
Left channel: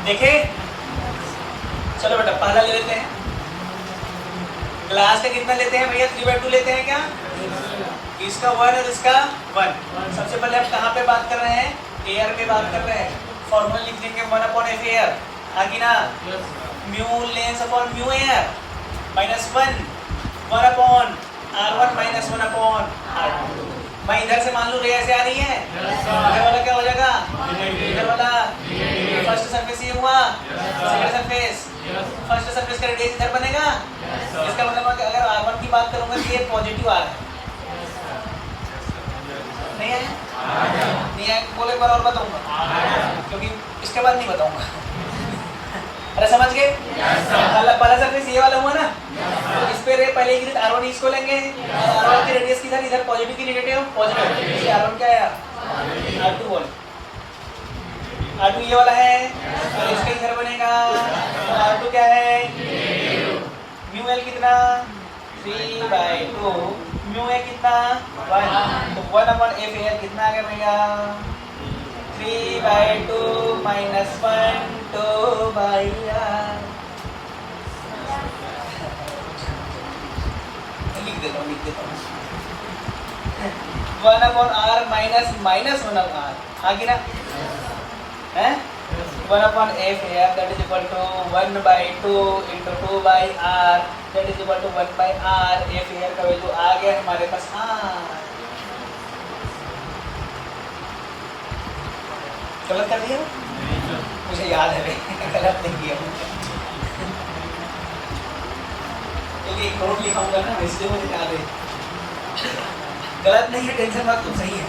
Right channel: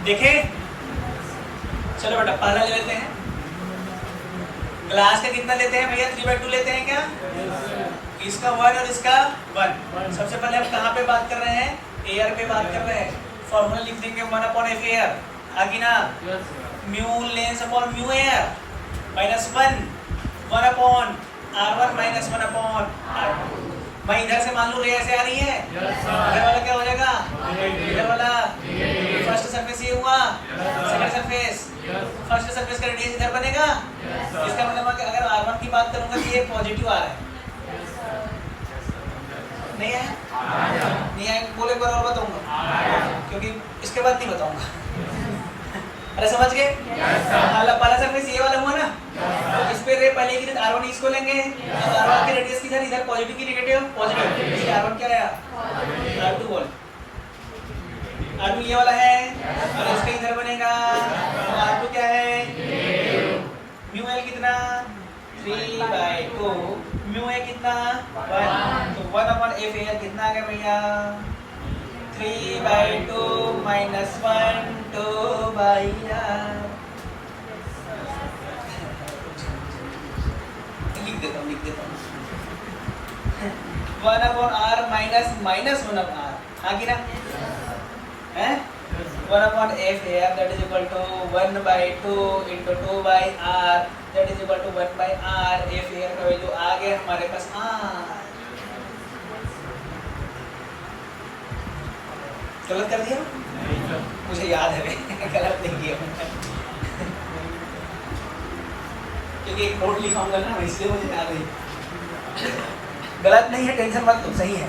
देखे? चलो बेटा पहला ले लेते हैं। ग्लास का कितना लेते हैं भैया? 3/2 लेते हैं क्या? इसका 1 और इसका 1। सबसे पहले हम कहाँ पे बात कर रहे हैं? एयर पे बात कर रहे हैं। फॉर्मूला लिख देंगे 1/f एयर, आगे ना mu lens upon mu air minus 1/r1 minus 1/r2। मैं इधर से मान लूँ रे ऐसे आ रही है, इधर वाला क्या हो जाएगा? इधर वाला फर्स्ट सरफेस ये हुआ, सेकंड सरफेस, फर्स्ट सरफेस का रेडियस इधर बनेगा। इसका मतलब अगर R1 की बात करूंगा तो ये पॉजिटिव आ रहा है, नहीं है? नहीं है, बोले एक बार और बताऊंगा क्योंकि इसके बाद नहीं बताऊंगा। अरे समझ गए? पहला सरफेस ये वाला हुआ ना, तो इस पे रे पहले की R1 इसको लेंगे और R1 की रेडियस किधर? इधर पॉजिटिव की नेगेटिव, पॉजिटिव। इसलिए R1 क्या है? R2 बोल, R2 ये वाला है और इसका इधर बनेगा तो R2 क्या है? म्यू एल कितना? 3/2। म्यू ए कितना? 1। तो 1/f एयर कितना आ गया भैया? 3/2 माइनस 1 2/r। लिख देता हूँ 1/r माइनस 1/r, आगे ना है 1/f air that is equal to 1/2 into 2/r that is equal to 1/r। f air का वैल्यू आ गया हमारे पास r। गलत कर दिया? मुझे याद है गलत नहीं किया क्योंकि एक नोट लिखाऊंगा ना इसलिए मुझे याद है। गलत नहीं है, टेंशन मत लो, सही है।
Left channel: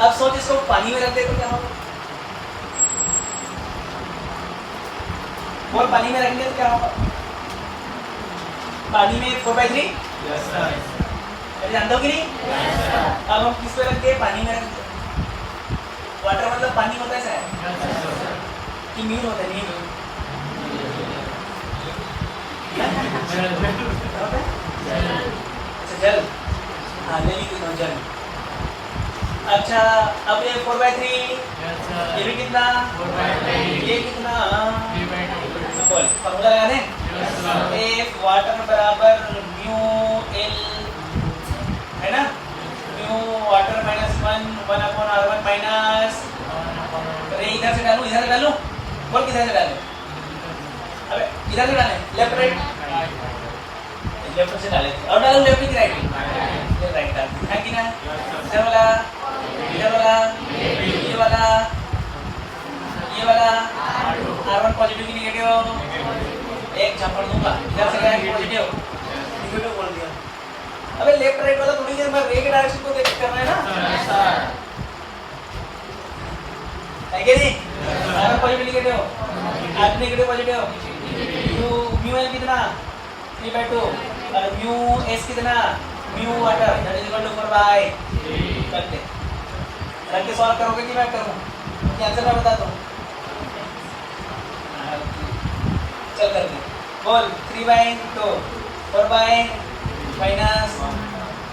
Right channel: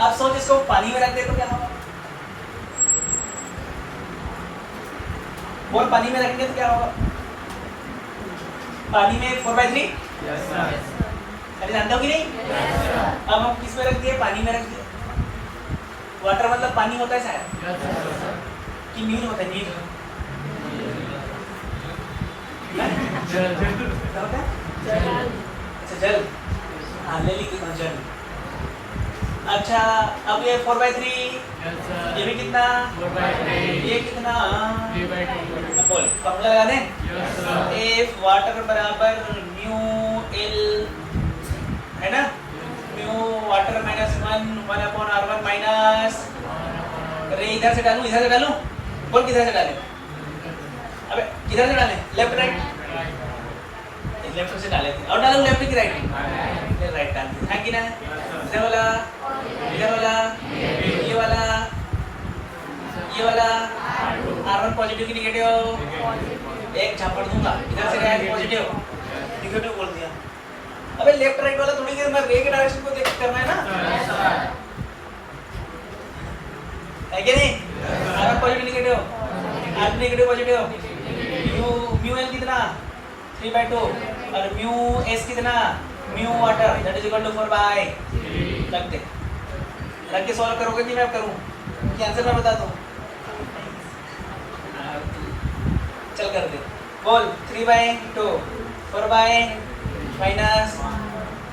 अब सोच इसको पानी में रख दे तो क्या होगा? बोल, पानी में रखेंगे तो क्या होगा? पानी में 4/3 अरे जानते हो कि नहीं? अब हम किस पे रख दिए? पानी में रख दिए। वाटर मतलब पानी होता है शायद कि नील होता है? नील क्या होता है? अच्छा जल, हाँ ले लीजिए जल। अच्छा अब ये 4/3 ये भी कितना? ये कितना? अब बोल फॉर्मूला लगा दें। F वाटर बराबर म्यू एल है ना, म्यू वाटर -1 1/R1 माइनस, अरे इधर से डालूं बोल किधर से डालें? अबे इधर से डालें, लेफ्ट राइट? लेफ्ट से डाले थे और डालो लेफ्ट की राइट? राइट डाल है कि ना? इधर वाला ये वाला R1 पॉजिटिव की नेगेटिव, एक झापड़ दूंगा इधर से गया कि पॉजिटिव नेगेटिव बोल दिया। अबे लेफ्ट राइट वाला थोड़ी देर में रे के डायरेक्शन को देख करना है ना, है कि नहीं? R1 positive negative, R2 negative positive, mu l कितना? 3/2 और म्यू एस कितना? Mu water that is equal to 4/3 रख के सॉल्व करोगे कि मैं करूं? कि आंसर मैं बता दूं? चल कर दे, बोल 3/2 4/-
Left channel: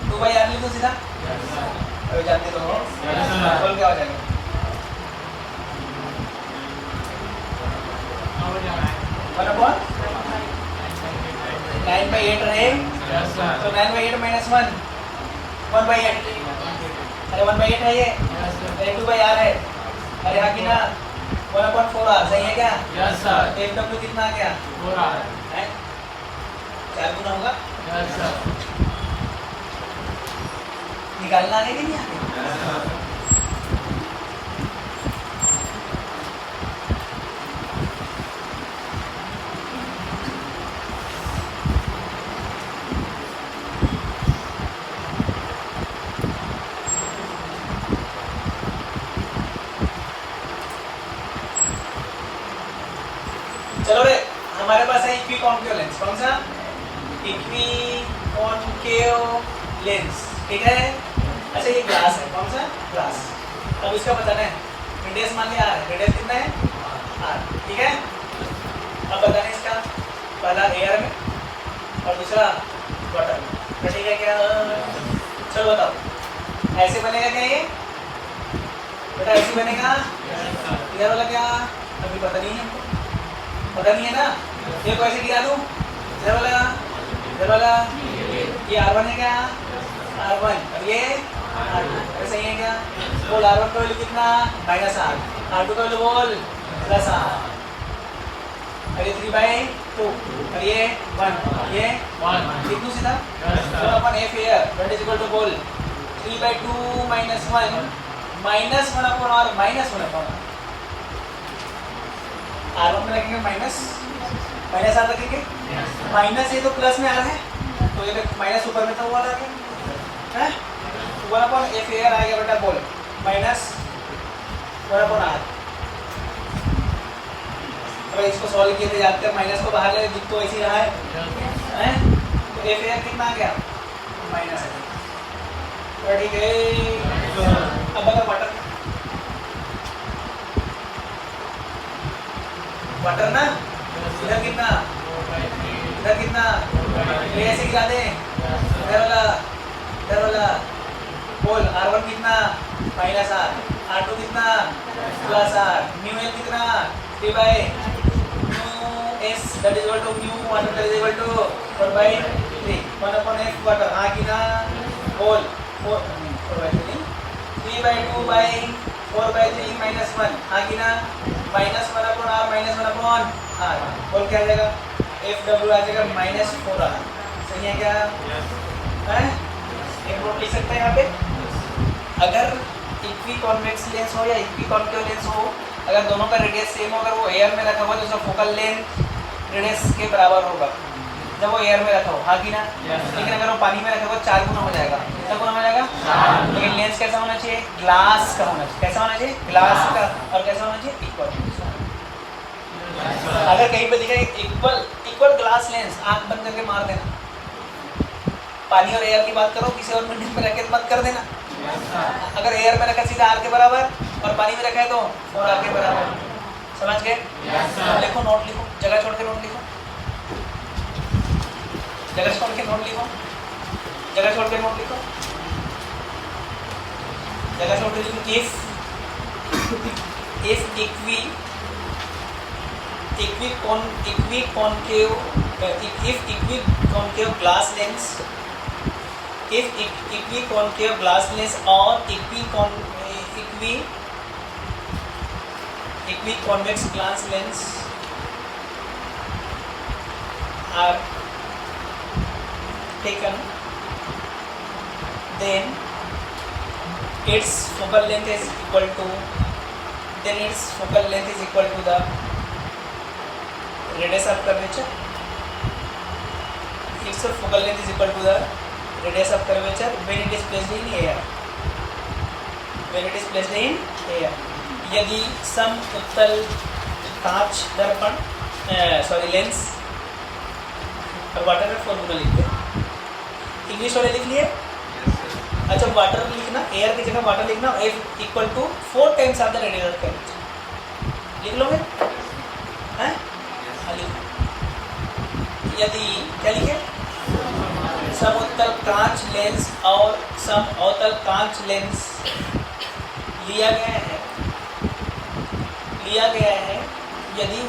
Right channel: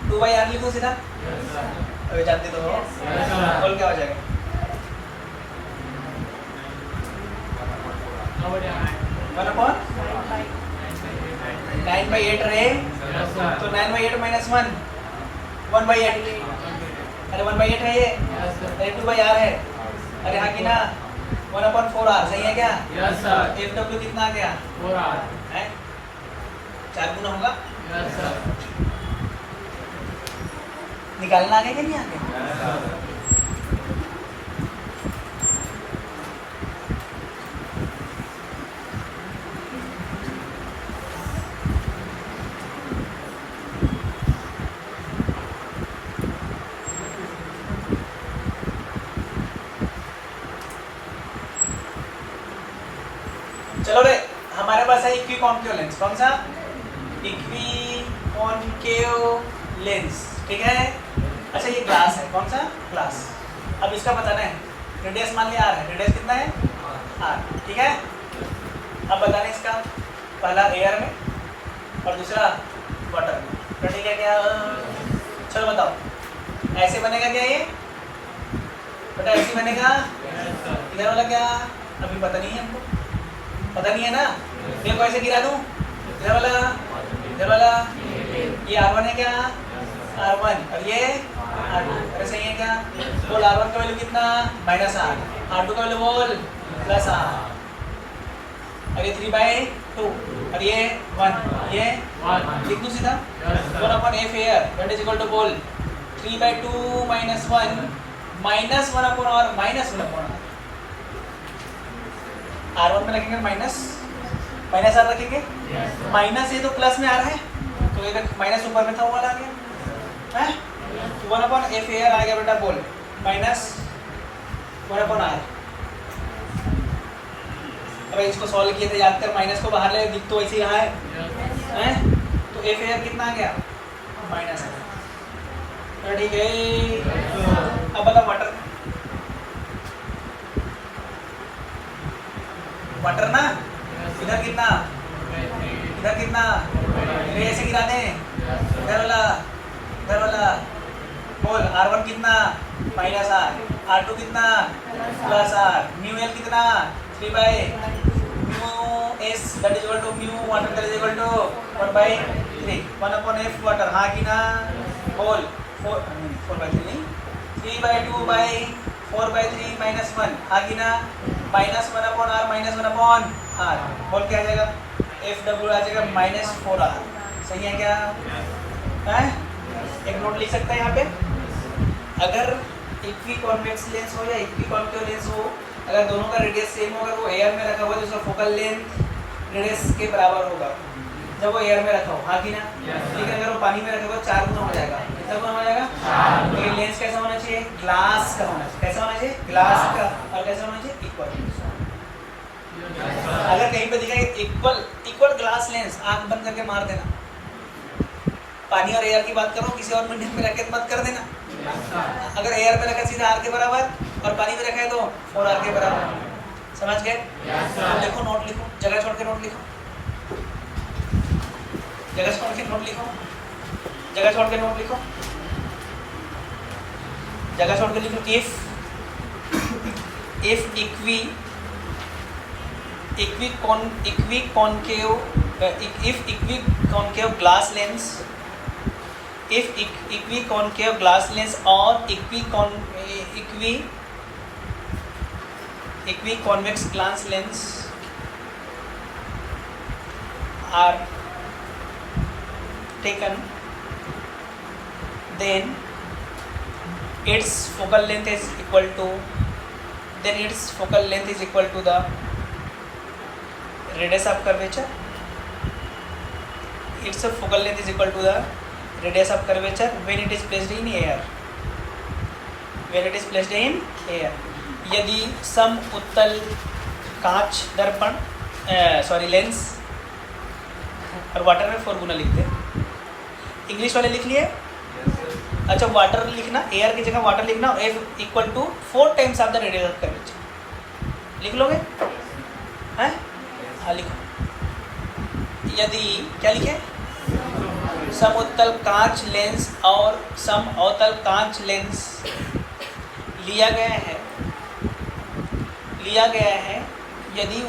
2/R लिख दो सीधा। अरे जानते तो हो, बोल क्या हो जाएगा? 1/9/8 रहे तो 9/8 -1 1/8, अरे 1/8 है ये, अरे 2/R है, अरे हाँ कि ना? 1/4R सही है क्या? FW कितना आ गया? 4R है, 4 गुना होगा। निकालना आगे कि नहीं आगे? चलो रे, हमारे पास है इक्विकॉन्केव लेंस। कौन सा? इक्विकॉन्केव लेंस, ठीक है? अच्छा ये ग्लास है, कौन सा? ग्लास। अब इसका बताना है, रेडियस मान लिया R है, रेडियस कितना है? R, ठीक है? अब बताना है इसका, पहला एयर में और दूसरा वाटर में, ठीक है क्या? चलो बताओ, ऐसे बनेगा क्या ये बेटा? ऐसे बनेगा? इधर वाला क्या? अभी पता नहीं है हमको, पता नहीं है ना? ये को ऐसे गिरा दूं, इधर वाला ये R1 है क्या? R1 और ये R2 ऐसे ही है क्या? बोल R1 का वैल्यू कितना? -R, R2 का वैल्यू बोल +R, और ये 3/2 और ये 1, ये 1 लिख दूं सीधा। 1/F air that is equal to बोल 3/2 - 1 -1/R -1/R। R1 में लगेंगे -R रखेंगे, माइनस ये तो प्लस में आ रहा है तो ये माइनस ऊपर में था वो वाला आ गया है, 1/F एयर आ गया बेटा, बोल -1/R। अब इसको सॉल्व किए थे याद कर, माइनस को बाहर ले तो ऐसे यहाँ है, तो F एयर कितना आ गया? माइनस, ठीक है। अब अगर वाटर ना, इधर कितना ये ऐसे गिरा दे, इधर वाला बोल R1 कितना? -R, R2 कितना? +R, म्यू एल कितना? 3/s that is equal to mu water that is equal to 4/3 1/F water, हाँ कि ना? बोल 4/3 3/2/4/3 -1, हाँ कि ना? -1/R -1/R, बोल क्या आ जाएगा? FW आ जाएगा -4R, सही है क्या? है? एक नोट लिख सकते हैं यहाँ पे, अगर इक्विकॉन्वेक्स लेंस हो या इक्विकॉन्केव लेंस हो, अगर दोनों का रेडियस सेम हो, अगर वो एयर में रखा हुआ तो उसका फोकल लेंथ रेडियस के बराबर होगा जब वो एयर में रखा हो, हाँ कि ना? लेकिन अगर वो पानी में रखा हुआ 4 गुना हो जाएगा, कितना गुना हो जाएगा? लेकिन लेंस कैसा होना चाहिए? ग्लास का होना चाहिए। कैसा होना चाहिए? ग्लास का। और कैसा होना चाहिए? इक्वल। अगर कहीं पे दिखा इक्वल ग्लास लेंस, आंख बंद करके मार देना। पानी और एयर की बात करो, किसी और बिल्डिंग में रखे मत कर देना। अगर एयर में रखा सीधा आर के बराबर और पानी में रखा है तो 4r के बराबर। समझ गए? लिखो, नोट लिखो, जगह छोड़ के नोट लिखो, जगह छोड़ के नोट लिखो, जगह छोड़ के नोट लिखो, जगह छोड़ के लिखो। If equiconcave glass lens, if equiconcave glass lens or equiconvex glass lens are taken, then its focal length is equal to the radius of curvature. Its focal length is equal to the radius of curvature when it is placed in air. यदि सम उत्तल कांच दर्पण lens और water में formula लिखते हैं। English वाले लिख लिए? अच्छा, वाटर लिखना, एयर की जगह वाटर लिखना, F equal to 4 times of the radius of curvature. लिख लोगे? हैं? हाँ, लिखो। यदि क्या लिखे? समउत्तल कांच लेंस और समअवतल कांच लेंस लिया गया है यदि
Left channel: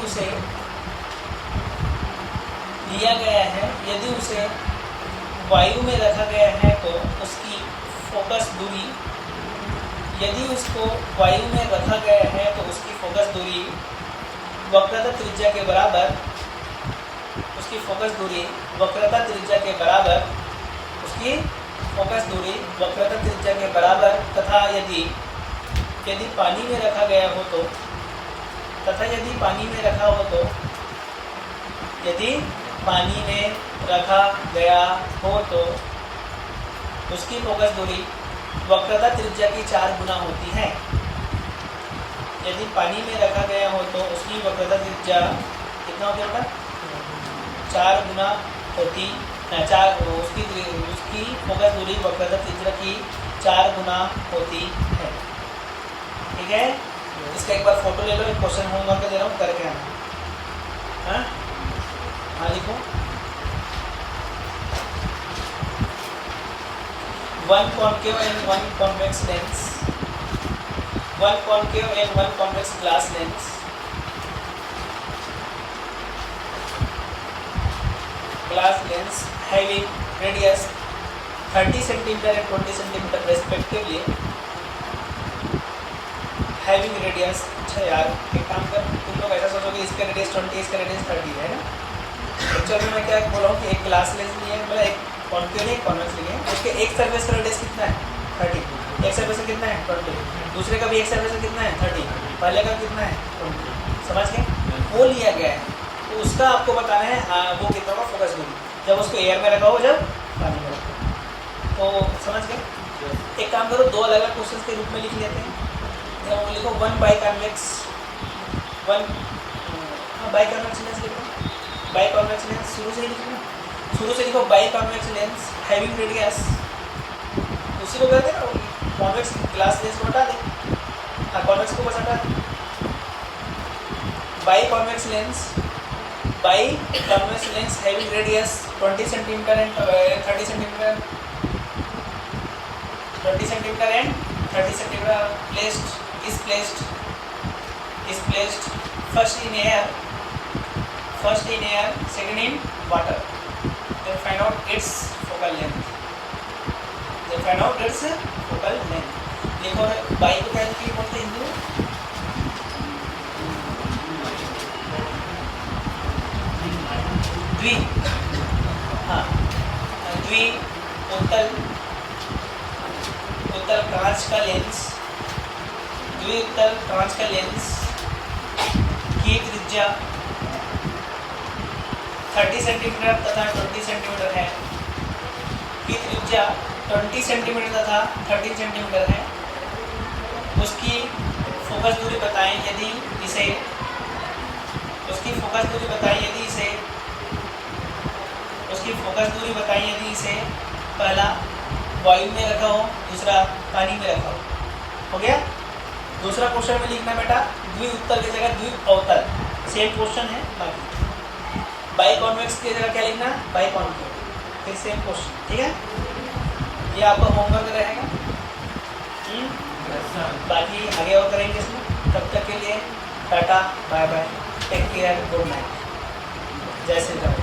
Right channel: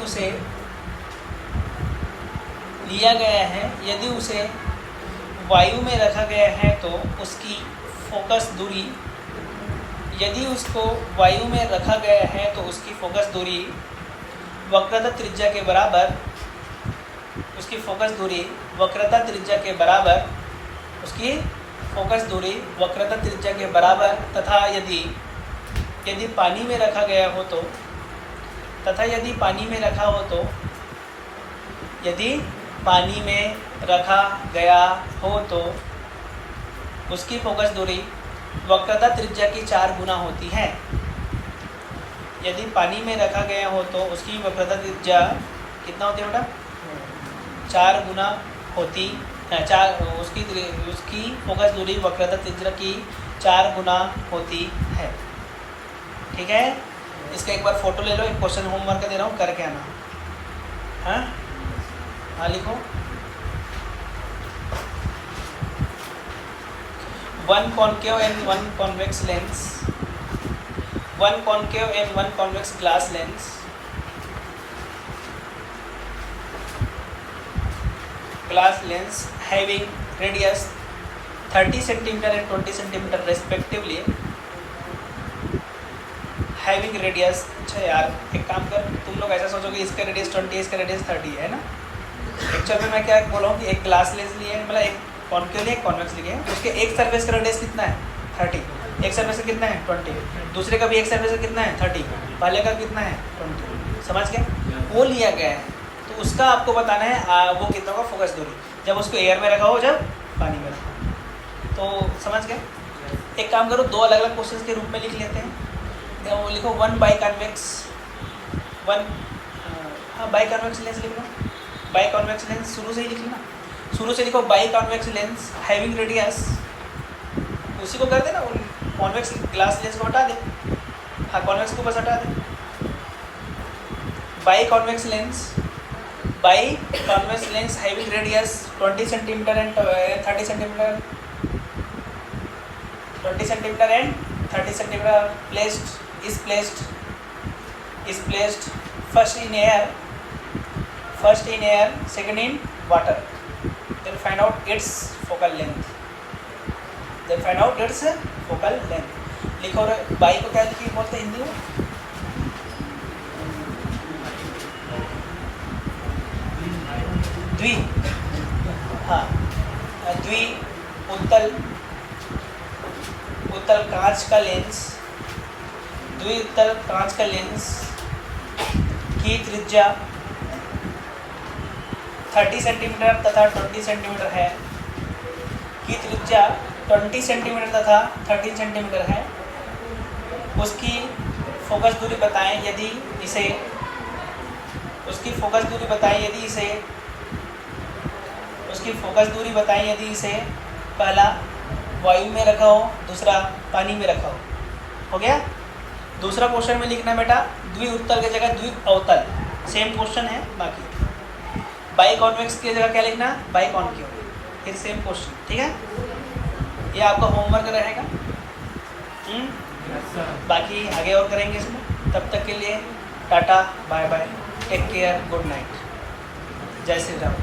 उसे वायु में रखा गया है तो उसकी फोकस दूरी, यदि उसको वायु में रखा गया है तो उसकी फोकस दूरी वक्रता त्रिज्या के बराबर, उसकी फोकस दूरी वक्रता त्रिज्या के बराबर तथा यदि पानी में रखा गया हो तो उसकी फोकस दूरी वक्रता त्रिज्या की 4 गुना होती है। यदि पानी में रखा गया हो तो उसकी वक्रता त्रिज्या कितना होती है बेटा? 4 गुना होती है। उसकी फोकस दूरी वक्रता त्रिज्या की 4 गुना होती है। ठीक है? इसका एक बार फोटो ले लो, एक क्वेश्चन होमवर्क दे रहा हूँ, करके आना। हाँ, लिखो। 1 concave and 1 convex lens, 1 concave and 1 convex glass lens having radius 30 cm and 20 cm respectively, having radius। अच्छा यार, एक काम करो, तुम लोग ऐसा सोचोगे इसका रेडियस 20, इसका रेडियस 30 है ना। एक्चुअली मैं क्या बोला हूँ कि एक ग्लास लेंस लिए, मतलब एक कॉन्केव एक कॉन्वेक्स लिए, उसके एक सरफेस का रेडियस कितना है? 30। एक सरफेस का कितना है? 20। दूसरे का भी एक सरफेस का कितना है? 30। पहले का कितना है? 20। समझ गए? वो लिया गया है तो उसका आपको बताना है वो कितना का फोकस दूरी, जब उसको एयर में रखा हो, जब पानी में रखा हो। तो समझ गए? एक काम करो, 2 अलग अलग क्वेश्चन के रूप में लिख लेते हैं। लिखो 1 बाइकॉन्वेक्स, 1 बाइकॉन्वेक्स लेंस लिखो। बाइकॉन्वेक्स लेंस शुरू से ही लिखना, शुरू से लिखो। बाइकॉन्वेक्स लेंस हैविंग रेडियस, उसी को कहते हैं ना, कॉन्वेक्स ग्लास लेंस को हटा दे। हाँ, कॉन्वेक्स को बस हटा दे। Biconvex lens having radius 20 centimetre and 30 centimetre, 20 centimetre and 30 centimetre is placed first in air, second in water. Then find out its focal length. लिखो रे, बाई को क्या लिखी बोलते हिंदी में? द्वि, हाँ, द्वि उत्तल कांच का लेंस, द्विउत्तल कांच का लेंस की त्रिज्या 30 सेंटीमीटर तथा 20 सेंटीमीटर है, की त्रिज्या 20 सेंटीमीटर तथा 30 सेंटीमीटर है। उसकी फोकस दूरी बताएं यदि इसे पहला वायु में रखा हो, दूसरा पानी में रखा हो गया। दूसरा क्वेश्चन में लिखना बेटा द्विउत्तल की जगह द्वीप अवतल, सेम क्वेश्चन है। बाकी बाई कॉन्वेक्स की जगह क्या लिखना, बाई कॉन्केव, फिर सेम क्वेश्चन, ठीक है। ये आपका होमवर्क रहेगा। बाकी आगे और करेंगे इसमें। तब तक के लिए tata, bye bye, take care, good night, जय श्री राम।